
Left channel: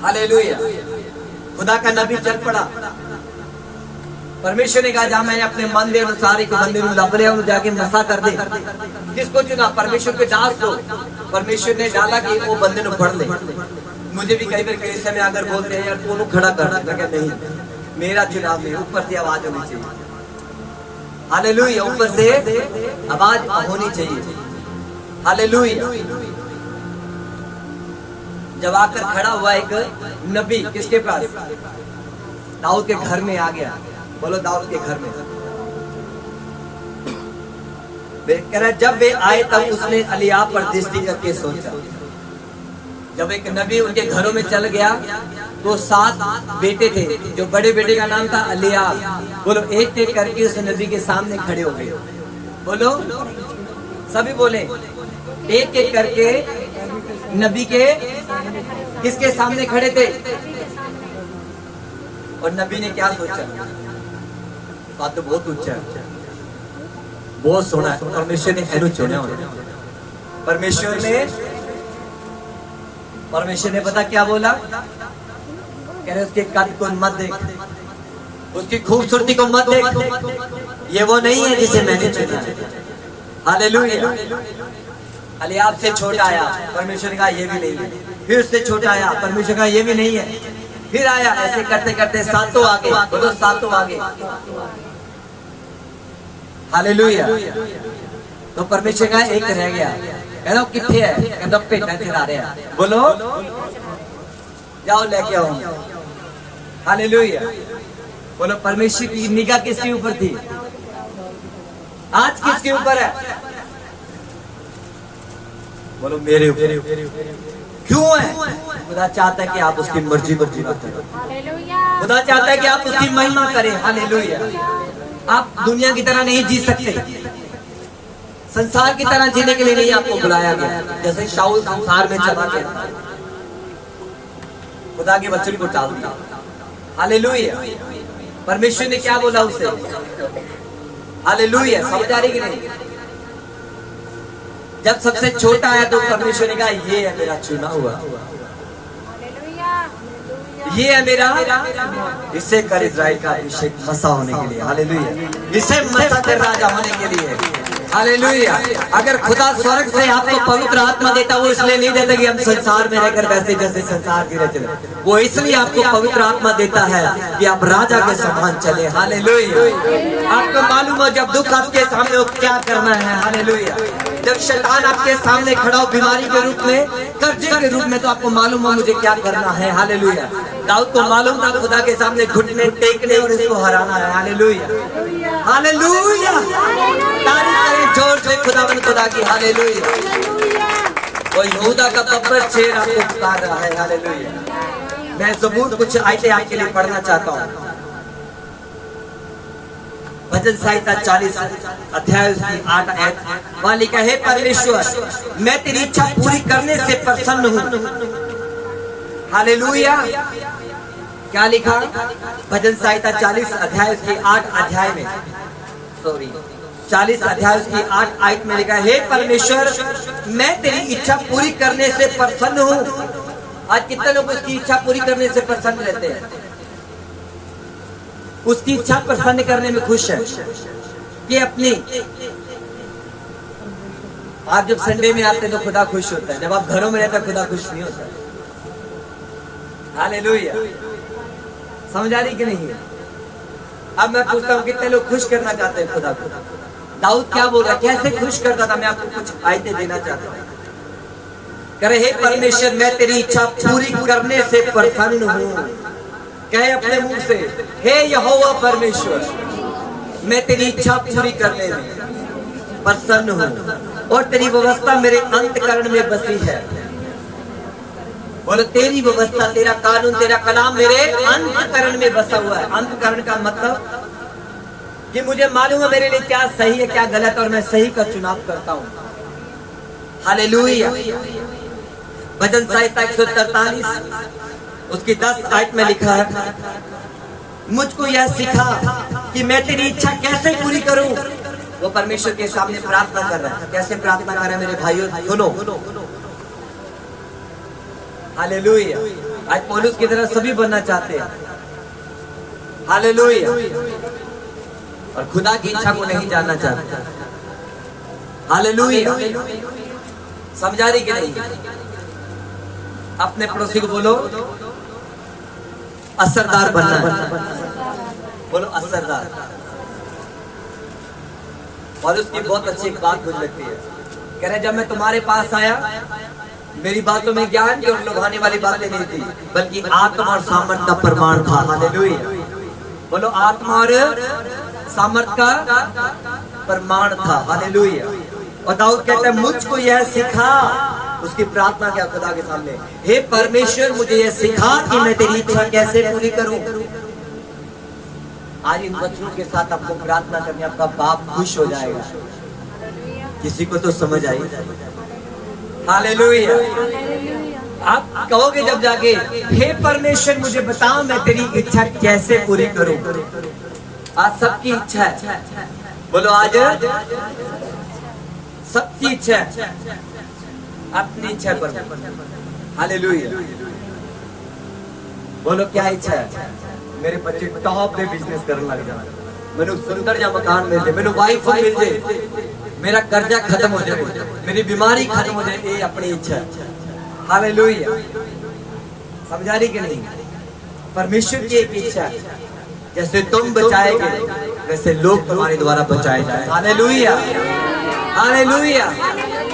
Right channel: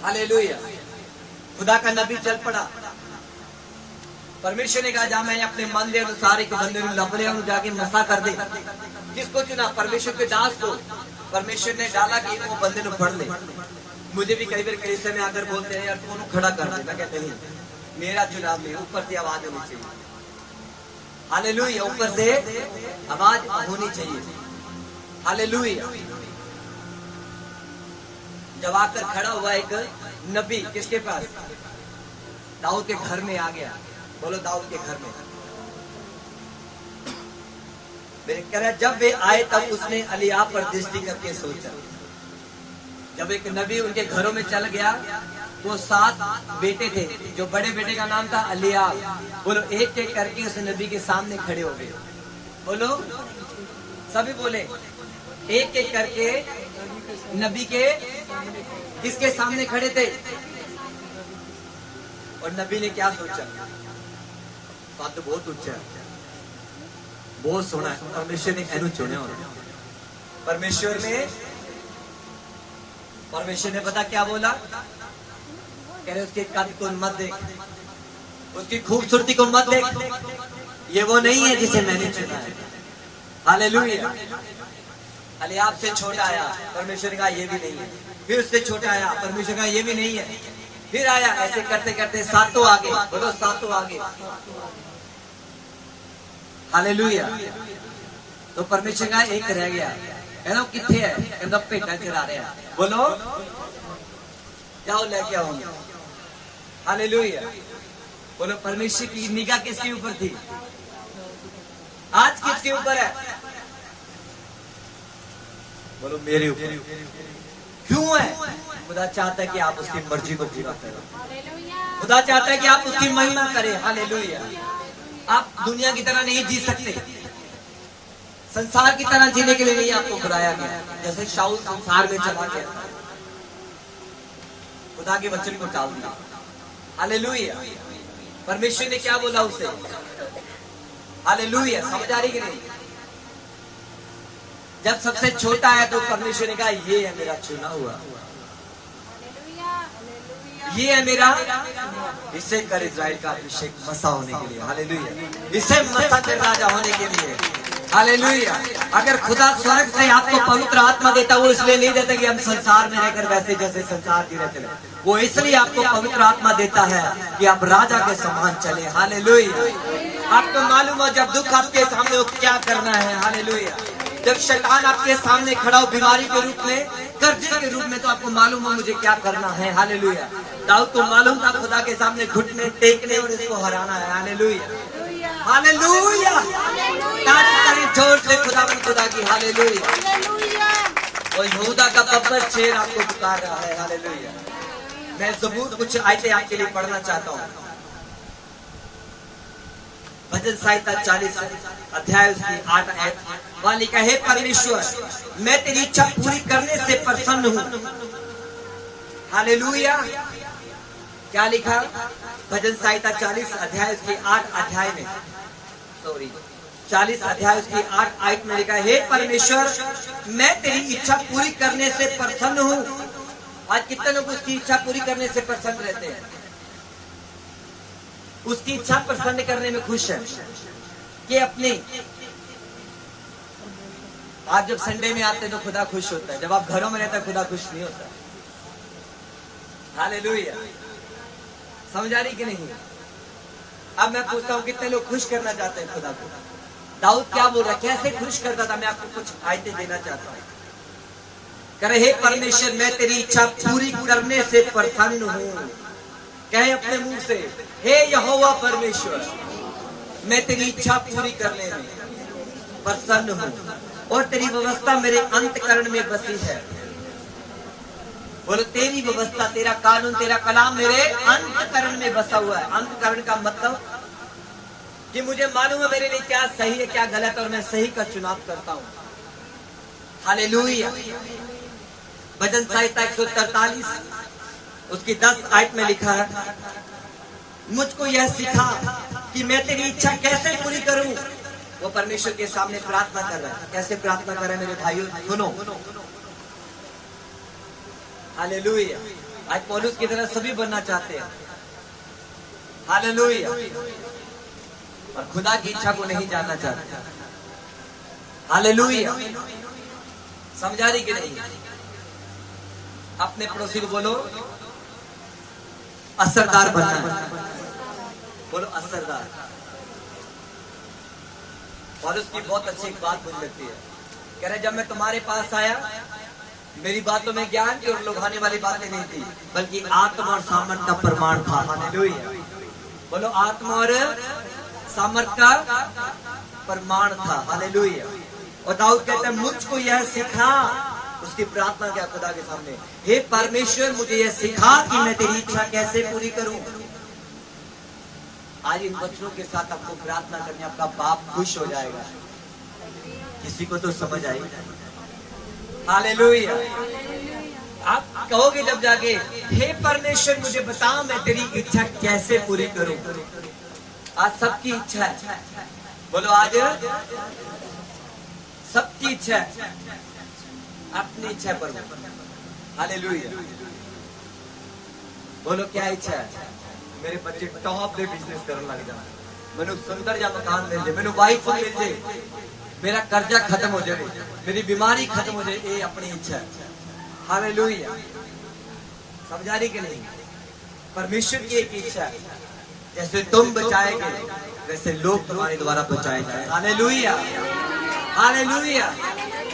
हालेलुया। खुदा का नबी चल पड़ा, परमेश्वर ने कहा जा मैं अपने मन दे अनुसार को बंदे लपरे जाके मसा कर दे। किसको चुना? परमेश्वर के दास को। परमेश्वर ने डाला कि वो बंदे को पढ़ ले। मुझे भी कई बार कई समय अगर बोलते हैं यार दोनों खड़ा कर दे, मैं कहते नहीं, मेरा चुनाव नहीं, ऊपर से आवाज होनी चाहिए, हालेलुया। ऊपर से आवाज होनी चाहिए, हालेलुया। जब आकर खड़ा हुआ एक नबी, किसके पास? दाऊद के घर में आ गया। बोलो दाऊद के घर में। कह रहा जब वे आए तब उसने एलियाब पर दृष्टि करके सोचा। जब एक नबी उनके घरों में चल गया तो 7 बेटे थे, जो बड़े बेटे का नाम था एलियाब। बोलो एक एक करके उस नबी के सामने खड़े हो गए। बोलो सभी बोले, एक एक करके नबी के किसके सामने खड़े थे? और नबी ने क्या सोचा? बात तो बहुत ऊंचा है, बहुत सोना है। परमेश्वर ने एनु चुना। परमेश्वर ने पता क्या बोला? कह रहे उसके कद को मत देख, उसकी खूबसूरती को मत देख, ये वो नहीं है जिसे मैंने चुना है, हालेलुया। एलियाब से छोटा आया, परमेश्वर ने कहा ये भी नहीं है। फिर उससे छोटा आया, परमेश्वर ने कहा ये भी नहीं है। फिर आया, ऐसे करते करते 7 आगे। बोलो 7 आगे, हालेलुया। तो परमेश्वर का एक रह गया। कह रहा किथे है? कहता पेटा चढ़ा रहे हैं। बोलो जाओ लेके आओ, हालेलुया। बोलो परमेश्वर की निगाह किसके ऊपर थी? आज किसके ऊपर है? बोलो मेरे ऊपर। क्यों है? खुदा चाहता है कि आप उसकी मर्जी को पूरा करें। खुदा चाहता है कि आप उसकी महिमा करें, हालेलुया। आप दुनिया की तरह नहीं जी सकते, संसार की तरह जीने के लिए नहीं आपको बुलाया गया। जैसे शाऊल संसार में चला गया, खुदा के वचन को टाल दिया, हालेलुया। परमेश्वर ने क्या बोला उसे? हालेलुया। समझ आ रही कि नहीं? जब सबसे छोटा है तो परमेश्वर ने कहा ये है मेरा चुना हुआ, ये है मेरा, इसे कर इज़राइल का अभिषेक मसा होने के लिए, हालेलुया। इसे मसा कर राजा होने के लिए, हालेलुया। अगर खुदा स्वर्ग से आपको पवित्र आत्मा देता, वो इसलिए नहीं देता कि हम संसार में रहकर वैसे जैसे संसार की रहते हैं। वो इसलिए आपको पवित्र आत्मा देता है कि आप राजा के समान चले, हालेलुया। आपको मालूम हो जब दुख आपके सामने हो क्या करना है, हालेलुया। जब शैतान आपके सामने खड़ा हो बीमारी के रूप में, कर्जे के रूप में, तो आपको मालूम हो मुझे क्या करना है, हालेलुया। दाऊद को मालूम था खुदा के सामने घुटने टेकने और इसको हराना है, हालेलुया, हालेलुया। तारीफ करें जोर से खुदा की, हालेलुया। वो यहूदा का बब्बर शेर आपको पुकार रहा है, हालेलुया। मैं ज़बूर कुछ आयतें आपके लिए पढ़ना चाहता हूँ। भजन संहिता 40 अध्याय उसकी 8 आयत, वहां लिखा है परमेश्वर मैं तेरी इच्छा पूरी करने से प्रसन्न हूँ, हालेलुया। क्या लिखा? भजन संहिता 40 अध्याय उसकी 8 अध्याय में, 40 अध्याय उसकी 8 आयत में लिखा है परमेश्वर मैं तेरी इच्छा पूरी करने से प्रसन्न हूँ। आज कितने लोग उसकी इच्छा पूरी करने से प्रसन्न रहते हैं? उसकी इच्छा प्रसन्न करने में खुश है कि अपनी। आप जब संडे में आते हैं तो खुदा खुश होता है, जब आप घरों में रहते हैं खुदा खुश नहीं होता, हालेलुया। समझ आ रही कि नहीं? अब मैं पूछता हूँ कितने लोग खुश करना चाहते हैं खुदा को? दाऊद क्या बोल रहा है, कैसे खुश करता था? मैं आपको कुछ आयतें देना चाहता हूँ। करे हे परमेश्वर मैं तेरी इच्छा पूरी करने से प्रसन्न हूँ। कहे अपने मुंह से, हे यहोवा परमेश्वर मैं तेरी इच्छा पूरी करने में प्रसन्न हूँ और तेरी व्यवस्था मेरे अंतकरण में बसी है। बोलो तेरी व्यवस्था, तेरा कानून, तेरा कलाम मेरे अंतकरण में बसा हुआ है। अंतकरण का मतलब कि मुझे मालूम है मेरे लिए क्या सही है क्या गलत, और मैं सही का चुनाव करता हूँ। हालेलुया। भजन संहिता 143 उसकी 10 आयत में लिखा है, मुझको यह सिखा कि मैं तेरी इच्छा कैसे पूरी करूं। वो परमेश्वर के सामने प्रार्थना कर रहा है। कैसे प्रार्थना कर रहा है मेरे भाइयों, सुनो। हालेलुया। आज पौलुस की तरह सभी बनना चाहते हैं। हालेलुया। और खुदा की इच्छा को नहीं जानना चाहते। हालेलुया। समझा रही कि नहीं? अपने पड़ोसी को बोलो असरदार बनना है। बोलो असरदार। पौलुस की बहुत अच्छी एक बात मुझे लगती है। कह रहे जब मैं तुम्हारे पास आया मेरी बातों में ज्ञान की और लुभाने वाली बातें नहीं थी, बल्कि आत्मा और सामर्थ का प्रमाण था। हालेलुया। बोलो आत्मा और सामर्थ का प्रमाण था। हालेलुया। और दाऊद कहता है मुझको यह सिखा, उसकी प्रार्थना क्या खुदा के सामने, हे परमेश्वर मुझे यह सिखा कि मैं तेरी इच्छा कैसे पूरी करूं। आज इन वचनों के साथ आपको प्रार्थना करने आपका बाप खुश हो जाएगा। किसी को तो समझ आई? हालेलुया। आप कहोगे जब जाके, हे परमेश्वर मुझे बता मैं तेरी इच्छा कैसे पूरी करूं। आज सबकी इच्छा है। बोलो आज सबकी इच्छा है, अपनी इच्छा पर। हालेलुया। बोलो क्या इच्छा है? मेरे बच्चे टॉप पे बिजनेस करने लग जाए, मैंने सुंदर जा मकान मिल जाए, मैंने वाइफ मिल जाए, मेरा कर्जा खत्म हो जाए, मेरी बीमारी खत्म हो जाए। ये अपनी इच्छा है। हालेलुया। समझा रही कि नहीं? परमेश्वर की एक इच्छा है, जैसे तुम बचाएंगे वैसे लोग तुम्हारे द्वारा बचाए जाए। हालेलुया। हालेलुया।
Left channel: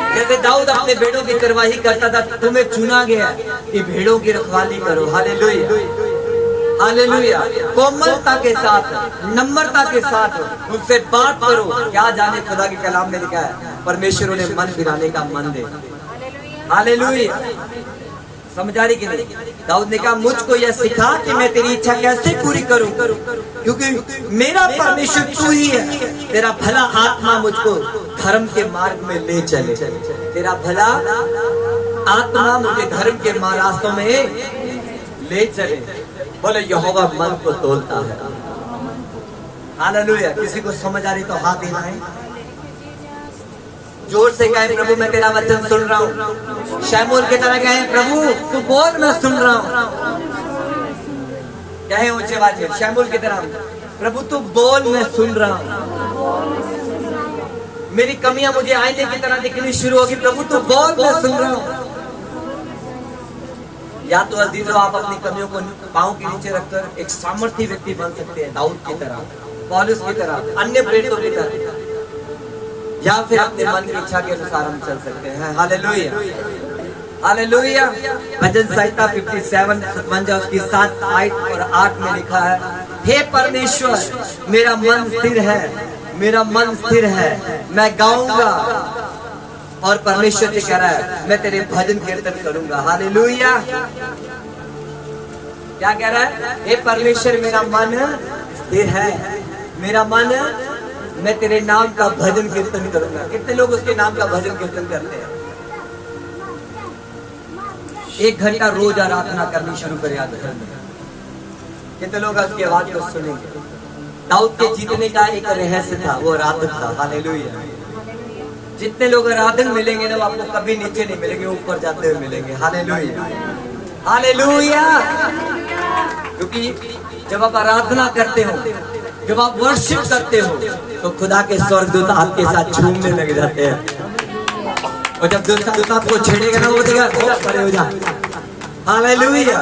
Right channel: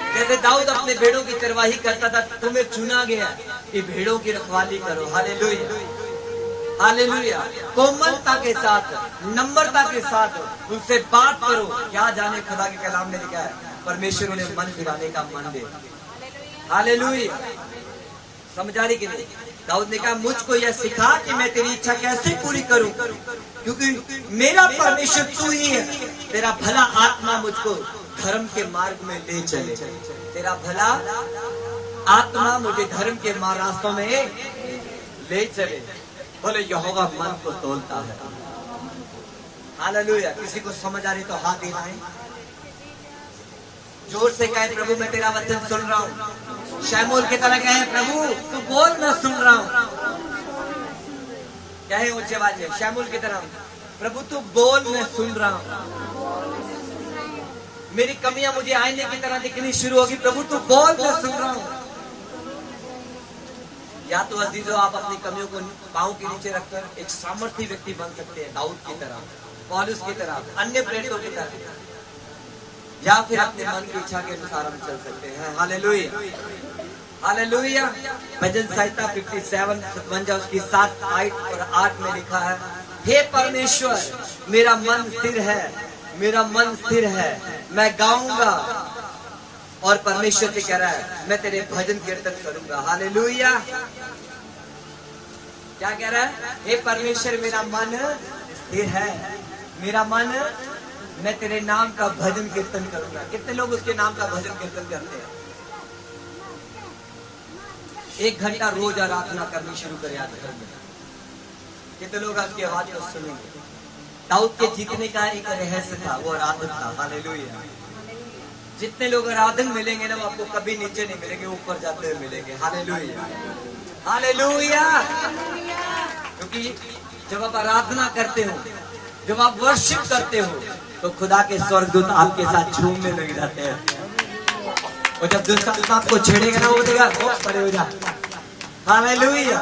जैसे दाऊद अपने भेड़ों की चरवाही करता था, तुम्हें चुना गया कि भेड़ों की रखवाली करो। हालेलुया। हालेलुया। कोमलता के साथ, नम्रता के साथ उनसे बात करो। क्या जाने खुदा के कलाम में लिखा है, परमेश्वर उन्हें मन फिराने का मन दे। हालेलुया। समझा रही कि नहीं? दाऊद ने कहा मुझको यह सिखा कि मैं तेरी इच्छा कैसे पूरी करूं, क्योंकि मेरा परमेश्वर तू ही है। तेरा भला आत्मा मुझको धर्म के मार्ग में ले चले। तेरा भला आत्मा मुझे धर्म के रास्तों में ले चले। बोले यहोवा मन को तोलता है। हालेलुया। किसी को समझ आ रही तो हाथ देना है। जोर से कहे प्रभु मैं तेरा वचन सुन रहा हूँ। शमूएल की तरह कहे प्रभु तू बोल मैं सुन रहा हूँ। कहे ऊंचे आवाज में शमूएल की तरह, प्रभु तू बोल मैं सुन रहा हूँ। मेरी कमियां मुझे आईने की तरह दिखनी शुरू होगी, प्रभु तू बोल मैं सुन रहा हूँ। या तो अजीजों आप अपनी कमियों को पांव के नीचे रखकर एक सामर्थी व्यक्ति बन सकते हैं, दाऊद की तरह, पौलुस की तरह, अन्य प्रेरितों की तरह, या फिर अपने मन की इच्छा के अनुसार हम चल सकते हैं। हालेलुया। हालेलुया। भजन संहिता 57 57 उसकी 7 और 8 में लिखा है, हे परमेश्वर मेरा मन स्थिर है, मेरा मन स्थिर है, मैं गाऊंगा। और परमेश्वर से कह रहा है मैं तेरे भजन कीर्तन करूंगा। हालेलुया। क्या कह रहा है? हे परमेश्वर मेरा मन स्थिर है, मेरा मन, मैं तेरे नाम का भजन कीर्तन करूंगा। कितने लोग उसके नाम का भजन कीर्तन करते हैं? 1 घंटा रोज आराधना करनी शुरू करें आज घर में। कितने लोग उसकी आवाज को सुनेंगे? दाऊद के जीतने का एक रहस्य था, वो आराधन था। हालेलुया। जितने लोग आराधन मिलेंगे ना वो आपको कभी नीचे नहीं मिलेंगे, ऊपर जाते हुए मिलेंगे। हालेलुया। हालेलुया। क्योंकि जब आप आराधना करते हो, जब आप वर्शिप करते हो, तो खुदा के स्वर्गदूत आपके साथ झूमने लग जाते हैं। और जब दूसरा आपको छेड़ेगा ना वो देगा बहुत खड़े हो जाए। हालेलुया।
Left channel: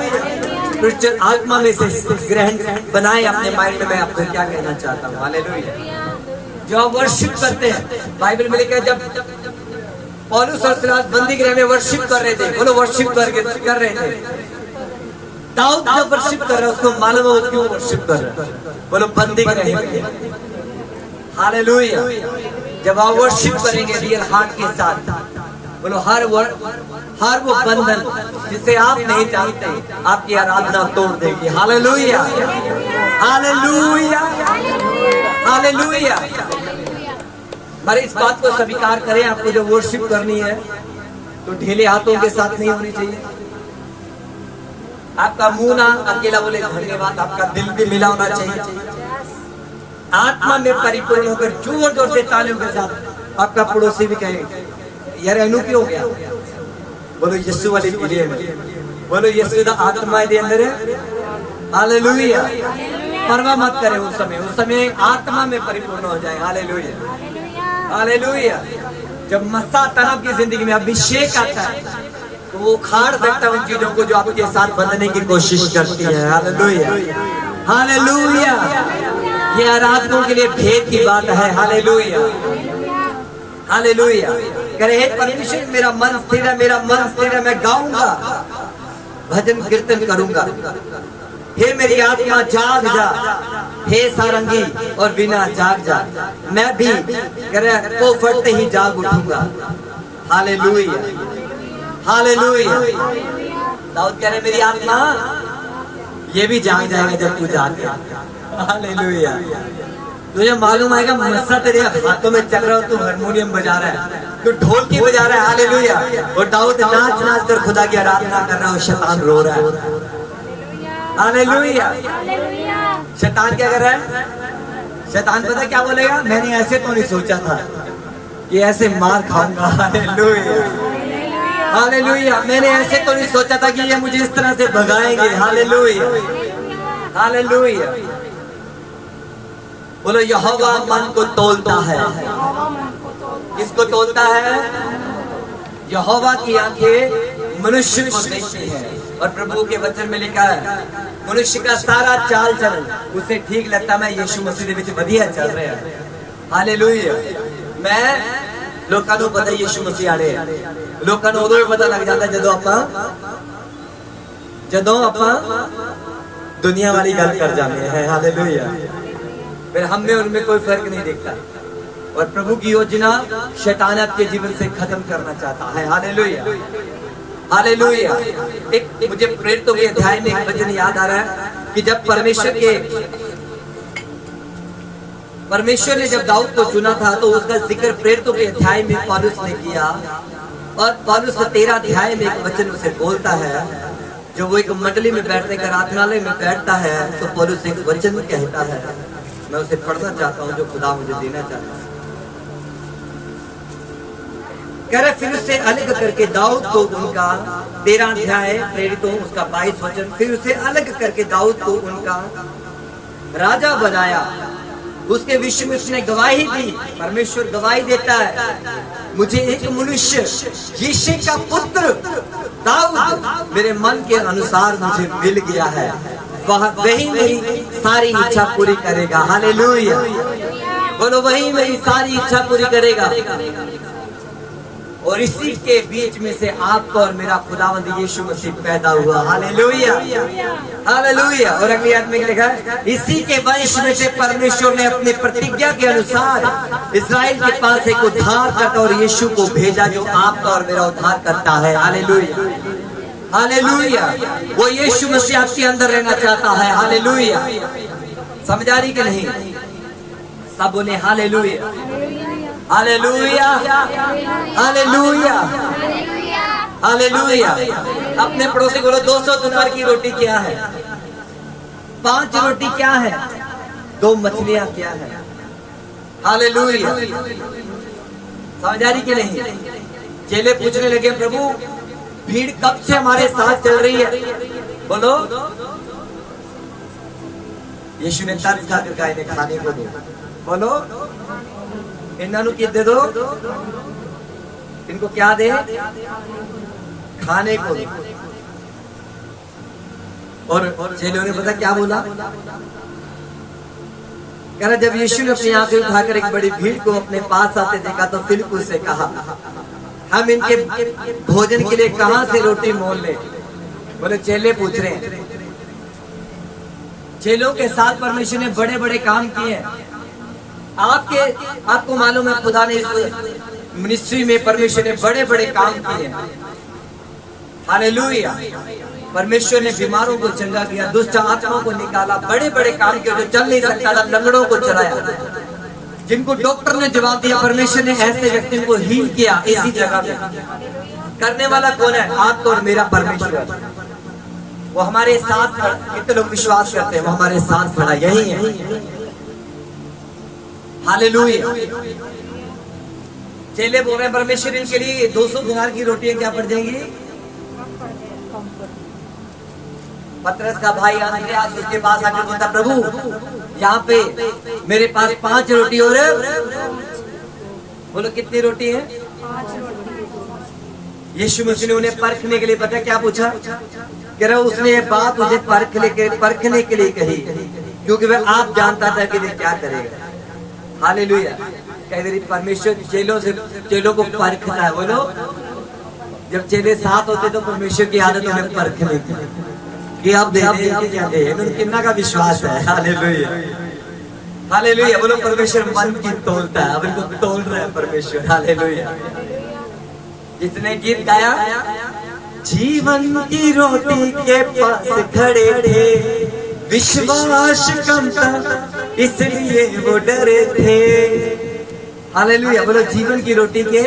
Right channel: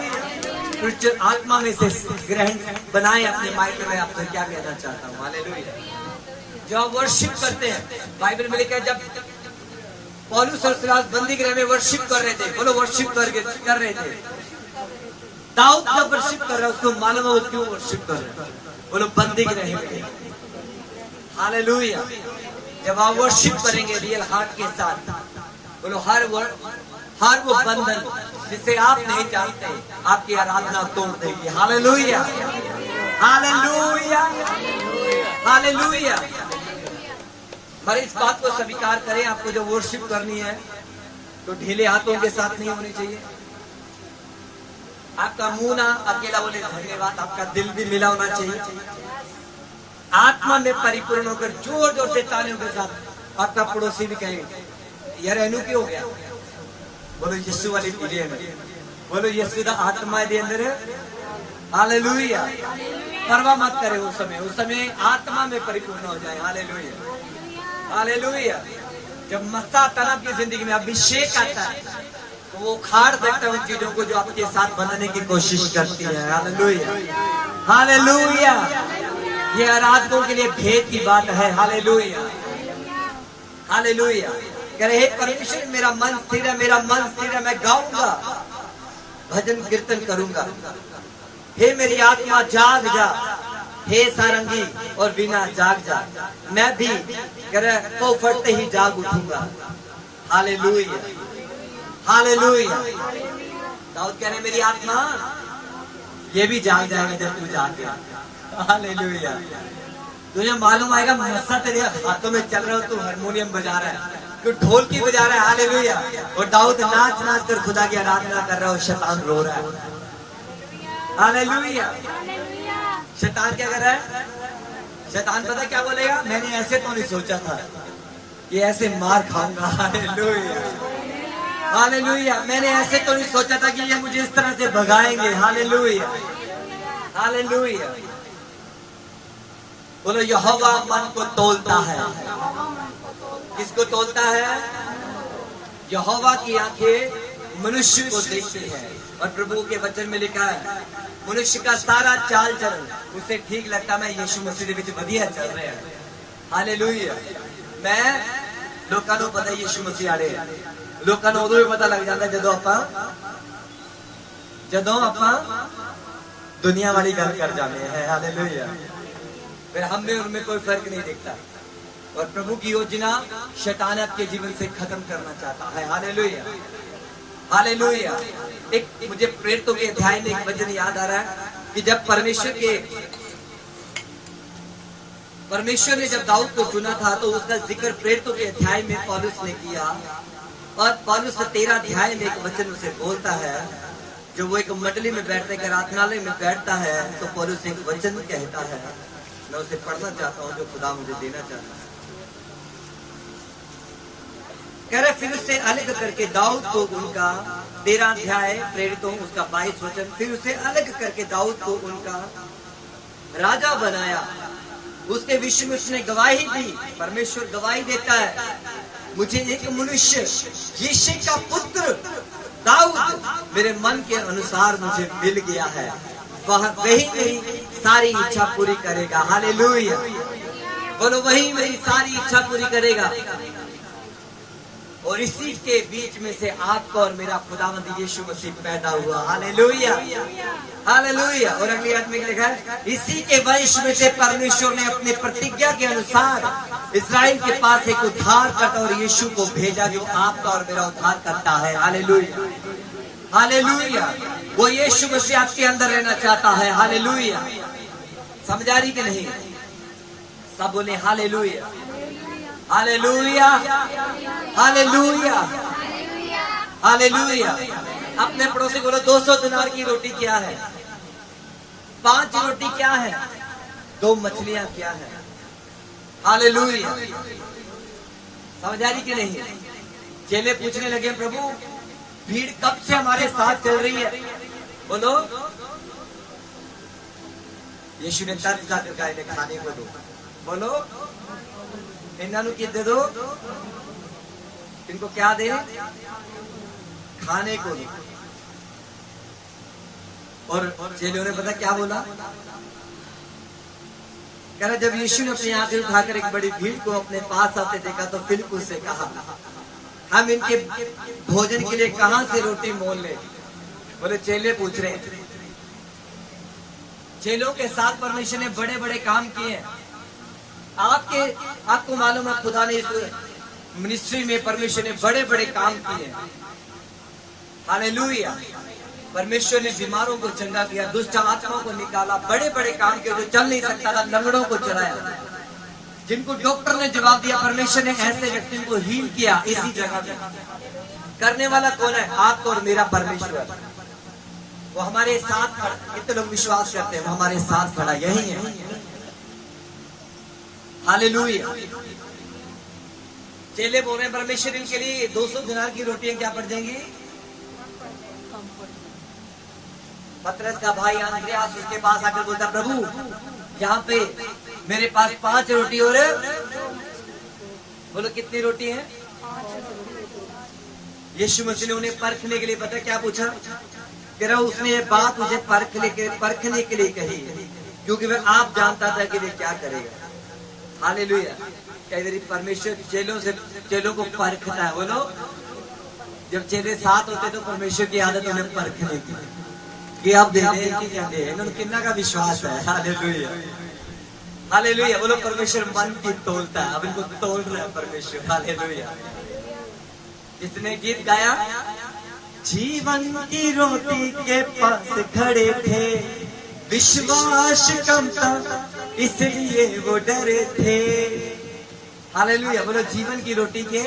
आत्मा में से ग्रहण बनाए अपने माइंड में। मैं आपको क्या कहना चाहता हूँ? हालेलुया। जो आप वर्शिप करते हैं, बाइबल में लिखा है जब पौलुस और सिलास बंदी गृह में वर्शिप कर रहे थे। बोलो वर्शिप कर रहे थे। दाऊद जब वर्शिप कर रहा है उसको मालूम है वो क्यों वर्शिप कर रहा है। बोलो बंदी गृह में। हालेलुया। जब आप वर्शिप करेंगे रियल हार्ट के साथ, बोलो हर वो बंधन जिसे आप नहीं जानते आपकी आराधना तोड़ देगी। Hallelujah, hallelujah, hallelujah. हमारे इस बात को स्वीकार करें, आपको जो वर्शिप करनी है तो ढीले हाथों के साथ नहीं होनी चाहिए। आपका मुंह ना अकेला बोले धन्यवाद, आपका दिल भी मिला होना चाहिए। आत्मा में परिपूर्ण होकर जोर जोर से तालियों के साथ आपका पड़ोसी भी कहे यार अनु क्यों हो गया। बोलो यीशु वाली पीढ़ी में, बोलो यीशु दा आत्मा दे अंदर है। हालेलुया। परवाह मत करे उस समय आत्मा में परिपूर्ण हो जाए। Hallelujah, hallelujah. जब मस्सा तनाव की जिंदगी में अभिषेक आता है तो वो उखाड़ देता है उन चीजों को जो आपके साथ बंधने की कोशिश करती है। Hallelujah, hallelujah. ये आराधकों के लिए भेद की बात है। Hallelujah, hallelujah. कह रहे हे परमेश्वर मेरा मन स्थिर है, मेरा मन स्थिर है, मैं गाऊंगा, भजन कीर्तन करूंगा। हे मेरी आत्मा जाग जा, हे सारंगी और बिना जाग जा, मैं भी कह रहे को फटते ही जाग उठूंगा। Hallelujah, hallelujah. दाऊद कह रहे मेरी आत्मा ये भी जाग जाएगा जब तू जाग जाएगा। हालेलुया। तुझे मालूम आएगा मस्सा तेरे हाथों में चल रहा हो, तू हारमोनियम बजा रहा है, तू ढोलकी बजा रहा है। हालेलुया। और दाऊद नाच नाच कर खुदा की आराधना कर रहा है और शैतान रो रहा है। हालेलुया। शैतान क्या कर रहा है? शैतान पता क्या बोलेगा? मैंने ऐसे तो नहीं सोचा था कि ऐसे मार खाऊंगा। Hallelujah, hallelujah. मैंने ऐसे तो नहीं सोचा था कि ये मुझे इस तरह से भगाएंगे। Hallelujah, hallelujah. बोलो यहोवा मन को तोलता है। किसको तोलता है? यहोवा की आंखें मनुष्य को देखती है। और प्रभु के वचन में लिखा है मनुष्य का सारा चाल चलन उसे ठीक लगता। मैं यीशु मसीह विच वधिया चल रहा है। हालेलुया। मैं लोगों को पता यीशु मसीह आड़े है, लोगों को उदों ही पता लग जाता जदों आपां दुनिया वाली गल कर जाते हैं। हालेलुया। फिर हम में और उनमें कोई फर्क नहीं दिखता। और प्रभु की योजना शैतान आपके जीवन से खत्म करना चाहता है। Hallelujah, hallelujah. एक मुझे प्रेरितों के अध्याय में एक वचन याद आ रहा है कि जब परमेश्वर ने जब दाऊद को चुना था तो उसका जिक्र प्रेरितों के अध्याय में पौलुस ने किया। और पौलुस 13 अध्याय में एक वचन उसे बोलता है। जो वो एक मंडली में बैठने का आराधनालय में बैठता है तो पौलुस एक वचन कहता है, मैं उसे पढ़ना चाहता हूँ जो खुदा मुझे देना चाहता है। कह रहे फिर उसे अलग करके दाऊद को उनका 13 अध्याय प्रेरितों उसका 22 वचन, फिर उसे अलग करके दाऊद को उनका राजा बनाया। उसके विषय में उसने गवाही दी। परमेश्वर गवाही देता है मुझे एक मनुष्य यिशै का पुत्र दाऊद मेरे मन के अनुसार मुझे मिल गया है, वही मेरी सारी इच्छा पूरी करेगा। हालेलुया। बोलो वही मेरी सारी इच्छा पूरी करेगा। और इसी के बीच में से आपका और मेरा खुदावंद यीशु मसीह पैदा हुआ। Hallelujah, hallelujah. और अगली आदमी लिखा है इसी के वंश में से परमेश्वर ने अपनी प्रतिज्ञा के अनुसार इस्राएल के पास एक उद्धार करता और यीशु को भेजा जो आपका और मेरा उद्धार करता है। Hallelujah, hallelujah. वो यीशु मसीह आपके अंदर रहना चाहता है। हालेलुया। समझ आ रही कि नहीं? सब बोले हालेलुया, हालेलुया, हालेलुया, हालेलुया। अपने पड़ोसी बोलो 200 दिनार की रोटी क्या है? 5 रोटी क्या है? 2 मछलियां क्या है? हालेलुया। समझ आ रही कि नहीं? चेले पूछने लगे प्रभु भीड़ कब से हमारे साथ चल रही है? बोलो यीशु ने तर्ज खाकर कहा इन्हें खाने को दो। बोलो इन्हों की दे दो, इनको क्या दे? खाने को दो। और चेलों ने पता क्या बोला? कह रहा जब यीशु ने अपनी आंखें उठाकर एक बड़ी भीड़ को अपने पास आते देखा तो फिलिप्पुस से कहा हम इनके भोजन के लिए कहां से रोटी मोल ले? बोले चेले पूछ रहे हैं। चेलों के साथ परमेश्वर ने बड़े बड़े काम किए हैं। आपको मालूम है, खुदा ने इस मिनिस्ट्री में परमेश्वर ने बड़े बड़े काम किए हैं। हालेलुया। परमेश्वर ने बीमारों को चंगा किया, दुष्ट आत्माओं को निकाला, बड़े बड़े काम किए। जो चल नहीं सकता था, लंगड़ों को चलाया। जिनको डॉक्टर ने जवाब दिया, परमेश्वर ने ऐसे व्यक्ति को हील किया इसी जगह में। करने वाला कौन है? आपको और मेरा परमेश्वर। वो हमारे साथ, कितने लोग विश्वास करते हैं वो हमारे साथ खड़ा यही है। हालेलुया। चेले बोल रहे हैं परमेश्वर इनके लिए 200 दिनार की रोटियां क्या पड़ जाएंगी? पतरस का भाई अंद्रयास उसके पास आकर बोलता, प्रभु यहाँ पे मेरे पास 5 रोटी और बोलो कितनी रोटी है? यीशु मसीह ने उन्हें परखने के लिए पता क्या पूछा? कह रहा उसने ये बात मुझे परखने के लिए कही, क्योंकि वह आप जानता था कि वे क्या करेगा। हालेलुया। कई बार परमेश्वर चेलों को परखता है। बोलो, जब चेले साथ होते तो परमेश्वर की आदत उन्हें परखने की कि आप दे क्या दे, कितना का विश्वास है। हालेलुया। हालेलुया। बोलो, परमेश्वर मन की तोलता है। अब इनको तोल रहा है परमेश्वर। हालेलुया। जितने गीत गाया, जीवन की रोटी के पास खड़े थे, विश्वास कम था इसलिए वो डरे थे। हालेलुया। बोलो, जीवन की रोटी के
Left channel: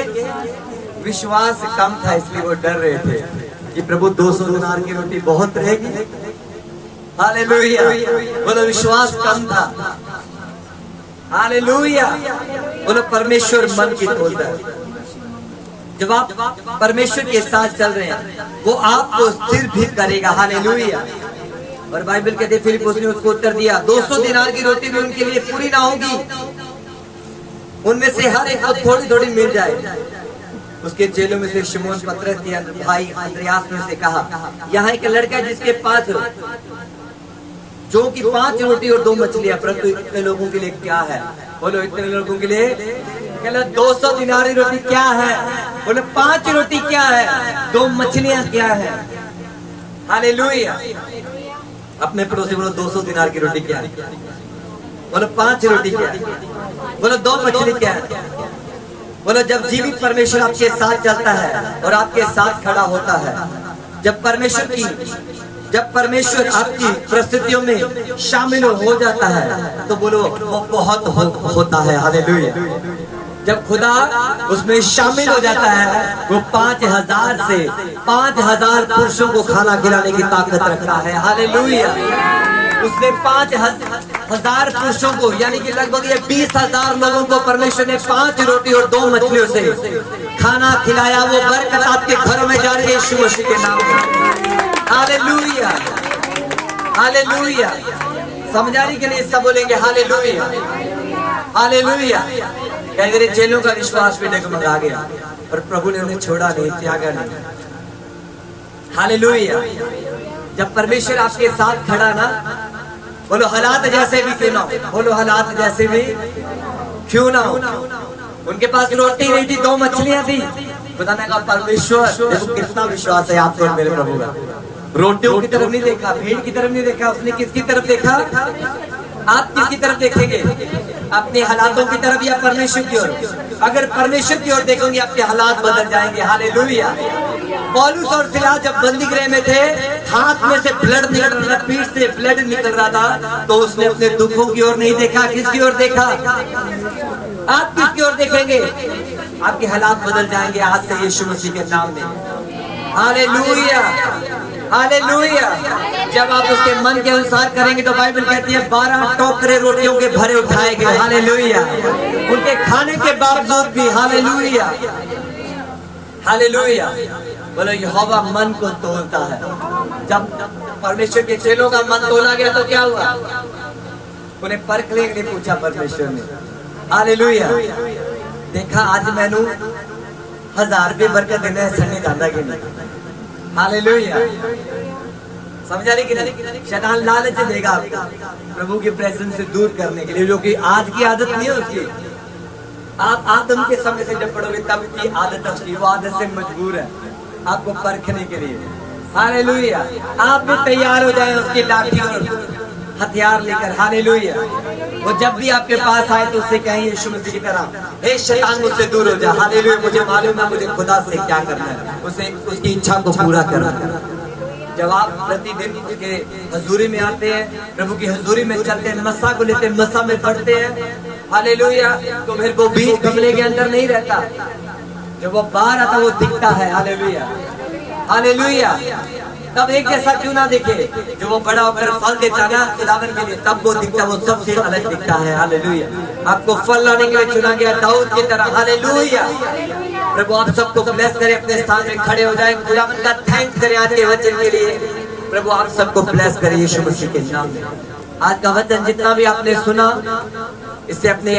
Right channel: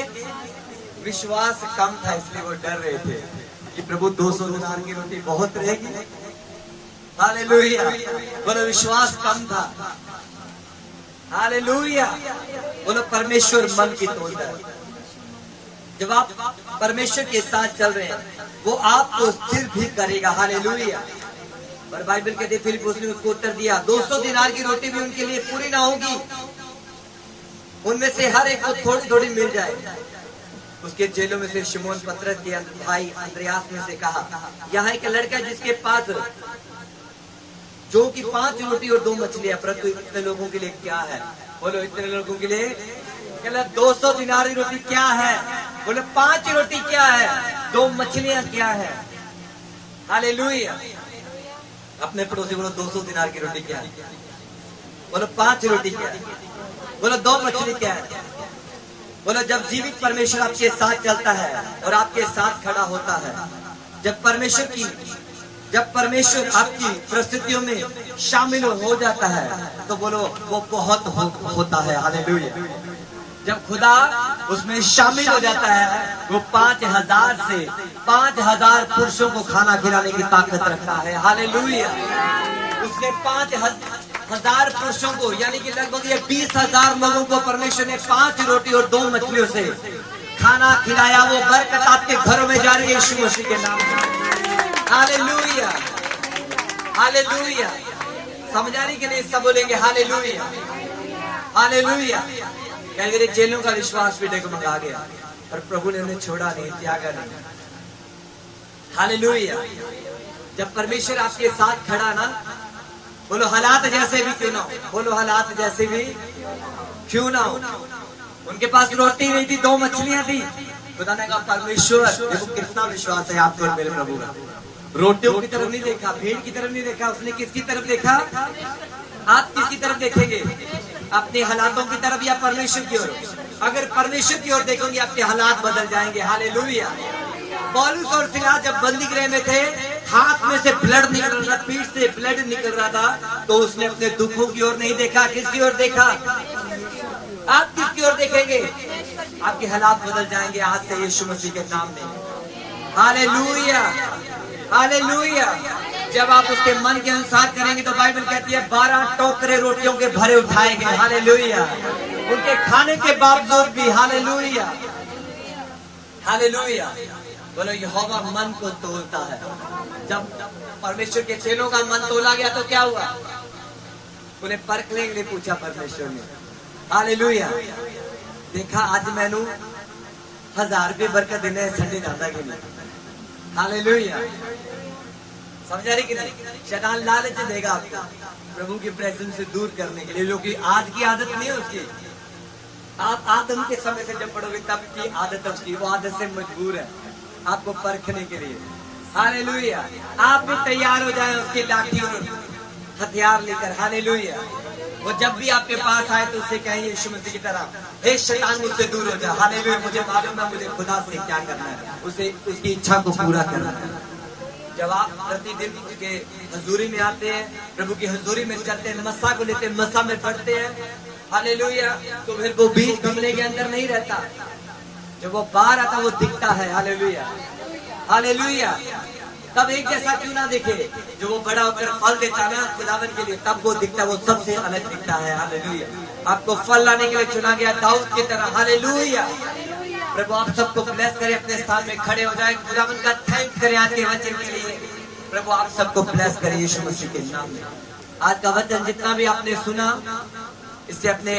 विश्वास कम था इसलिए वो डर रहे थे कि प्रभु 200 दिनार की रोटी बहुत रहेगी। हालेलुया। बोलो, विश्वास कम था। हालेलुया। बोलो, परमेश्वर मन की तोलता है। जब आप परमेश्वर के साथ चल रहे हैं, वो आपको स्थिर भी करेगा। हालेलुया। और बाइबल कहते फिलिप्पुस ने उसको उत्तर दिया, 200 दिनार की रोटी भी उनके लिए पूरी ना होगी, उनमें से हर एक को थोड़ी थोड़ी मिल जाए। उसके चेलों में से शिमोन पतरस के भाई अंद्रयास ने उसे कहा, यहाँ एक लड़का है जिसके पास जो कि 5 रोटी और 2 मछलियां, परंतु इतने लोगों के लिए क्या है? बोलो, इतने लोगों के लिए 200 दिनार की रोटी क्या है? बोलो, 5 रोटी क्या है? 2 मछलियां क्या है? हालेलुया। अपने पड़ोसी बोलो, 200 दिनार की रोटी क्या है? बोलो, 5 रोटी क्या है? बोलो, 2 मछली क्या है? बोलो, जब जीवित परमेश्वर आपके साथ चलता है और आपके साथ खड़ा होता है, जब परमेश्वर आपकी परिस्थितियों में शामिल हो जाता है, तो बोलो वो बहुत होता है। हालेलुया। जब खुदा उसमें शामिल हो जाता है, वो 5000 से 5000 पुरुषों को खाना खिलाने की ताकत रखता है। हालेलुया। उसने 5000 पुरुषों को, यानी कि लगभग ये 20,000 लोगों को परमेश्वर ने 5 रोटी और 2 मछलियों से खाना खिलाया। वो बरकत आपके घर में जा रही है यीशु मसीह के नाम में। हालेलुया। हालेलुया। समझाने के लिए सब बोलेंगे हालेलुया। हालेलुया। कई मेरे चेलों का विश्वास भी डगमगा गया और प्रभु ने उन्हें छोड़ा नहीं, त्यागा नहीं। हालेलुया। जब परमेश्वर आपके साथ खड़ा ना, बोलो हालात जैसे भी क्यों ना हो, बोलो हालात जैसे भी क्यों ना हो। उनके पास रोटी नहीं थी, 2 मछलियां थी। खुदा ने कहा, परमेश्वर, देखो कितना विश्वास है आपको और मेरे प्रभु का। रोटियों की तरफ नहीं देखा, भीड़ की तरफ नहीं देखा, उसने किसकी तरफ देखा? आप किसकी तरफ देखेंगे? अपने हालातों की तरफ या परमेश्वर की ओर? अगर परमेश्वर की ओर देखेंगे, आपके हालात बदल जाएंगे। हालेलुया। पौलुस और सिलास जब बंदी गृह में थे, हाथ में से ब्लड निकल रहा था, पीठ से ब्लड निकल रहा था, तो उसने अपने दुखों की ओर नहीं देखा। किसकी ओर देखा? आप किसकी ओर देखेंगे? आपके हालात बदल जाएंगे आज से यीशु मसीह के नाम में। हालेलुया। हालेलुया। जब आप उसके मन के अनुसार करेंगे तो बाइबल कहती है 12 टोकरे रोटियों के भरे उठाए गए। हालेलुया। उनके खाने के बावजूद भी। हालेलुया। हालेलुया। बोलो, यहोवा मन को तोलता है। जब परमेश्वर के चेलों का मन तोला गया तो क्या हुआ? उन्हें परखने के लिए पूछा परमेश्वर ने। हालेलुया। देखा, आज मैनू 1000 रुपये बरकत देना है, संडे जाता कि नहीं? हालेलुया। समझा रही कि नहीं? शैतान लालच देगा आपको प्रभु की प्रेजेंस से दूर करने के लिए, जो कि आज की आदत नहीं है उसकी। आप आदम के समय से जब पढ़ोगे तब की आदत उसकी, वो आदत से मजबूर है आपको परखने के लिए। हालेलुया। आप भी तैयार हो जाएं उसकी लाठी और हथियार लेकर। हालेलुया। वो जब भी आपके पास आए तो उससे कहें यीशु मसीह की तरह, हे शैतान मुझसे दूर हो जा। हालेलुया। मुझे मालूम है मुझे खुदा से क्या करना है, उसे उसकी इच्छा को पूरा करना है। जब आप प्रतिदिन उसके हजूरी में आते हैं, प्रभु की हजूरी में चलते हैं, मस्सा को लेते हैं, मस्सा में पढ़ते हैं, हालेलुया, तो फिर वो बीज गमले के अंदर नहीं रहता, जब वो बाहर आता वो दिखता है। हालेलुया। हालेलुया। तब एक जैसा क्यों ना दिखे, जब वो बड़ा होकर फल देता ना खुदावन के लिए, तब वो दिखता, वो सबसे अलग दिखता है। हालेलुया। आपको फल लाने के लिए चुना गया दाऊद की तरह। हालेलुया। प्रभु आप सबको ब्लेस करे, अपने स्थान में खड़े हो जाए, खुदावन का थैंक्स करें आज के वचन के लिए। प्रभु आप सबको ब्लेस करे यीशु मसीह के नाम में। आज का वचन जितना भी आपने सुना, इसे अपने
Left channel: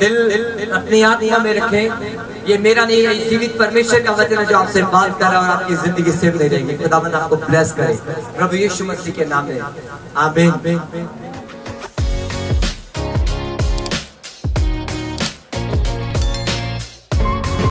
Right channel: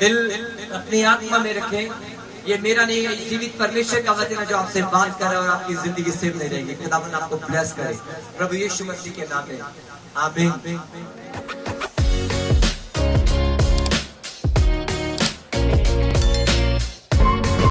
दिल अपनी आत्मा में रखें। ये मेरा नहीं है, जीवित परमेश्वर का वचन है जो आपसे बात कर रहा है और आपकी जिंदगी सेव नहीं रहेगी। खुदावन आपको ब्लेस करे प्रभु यीशु मसीह के नाम में। आमीन।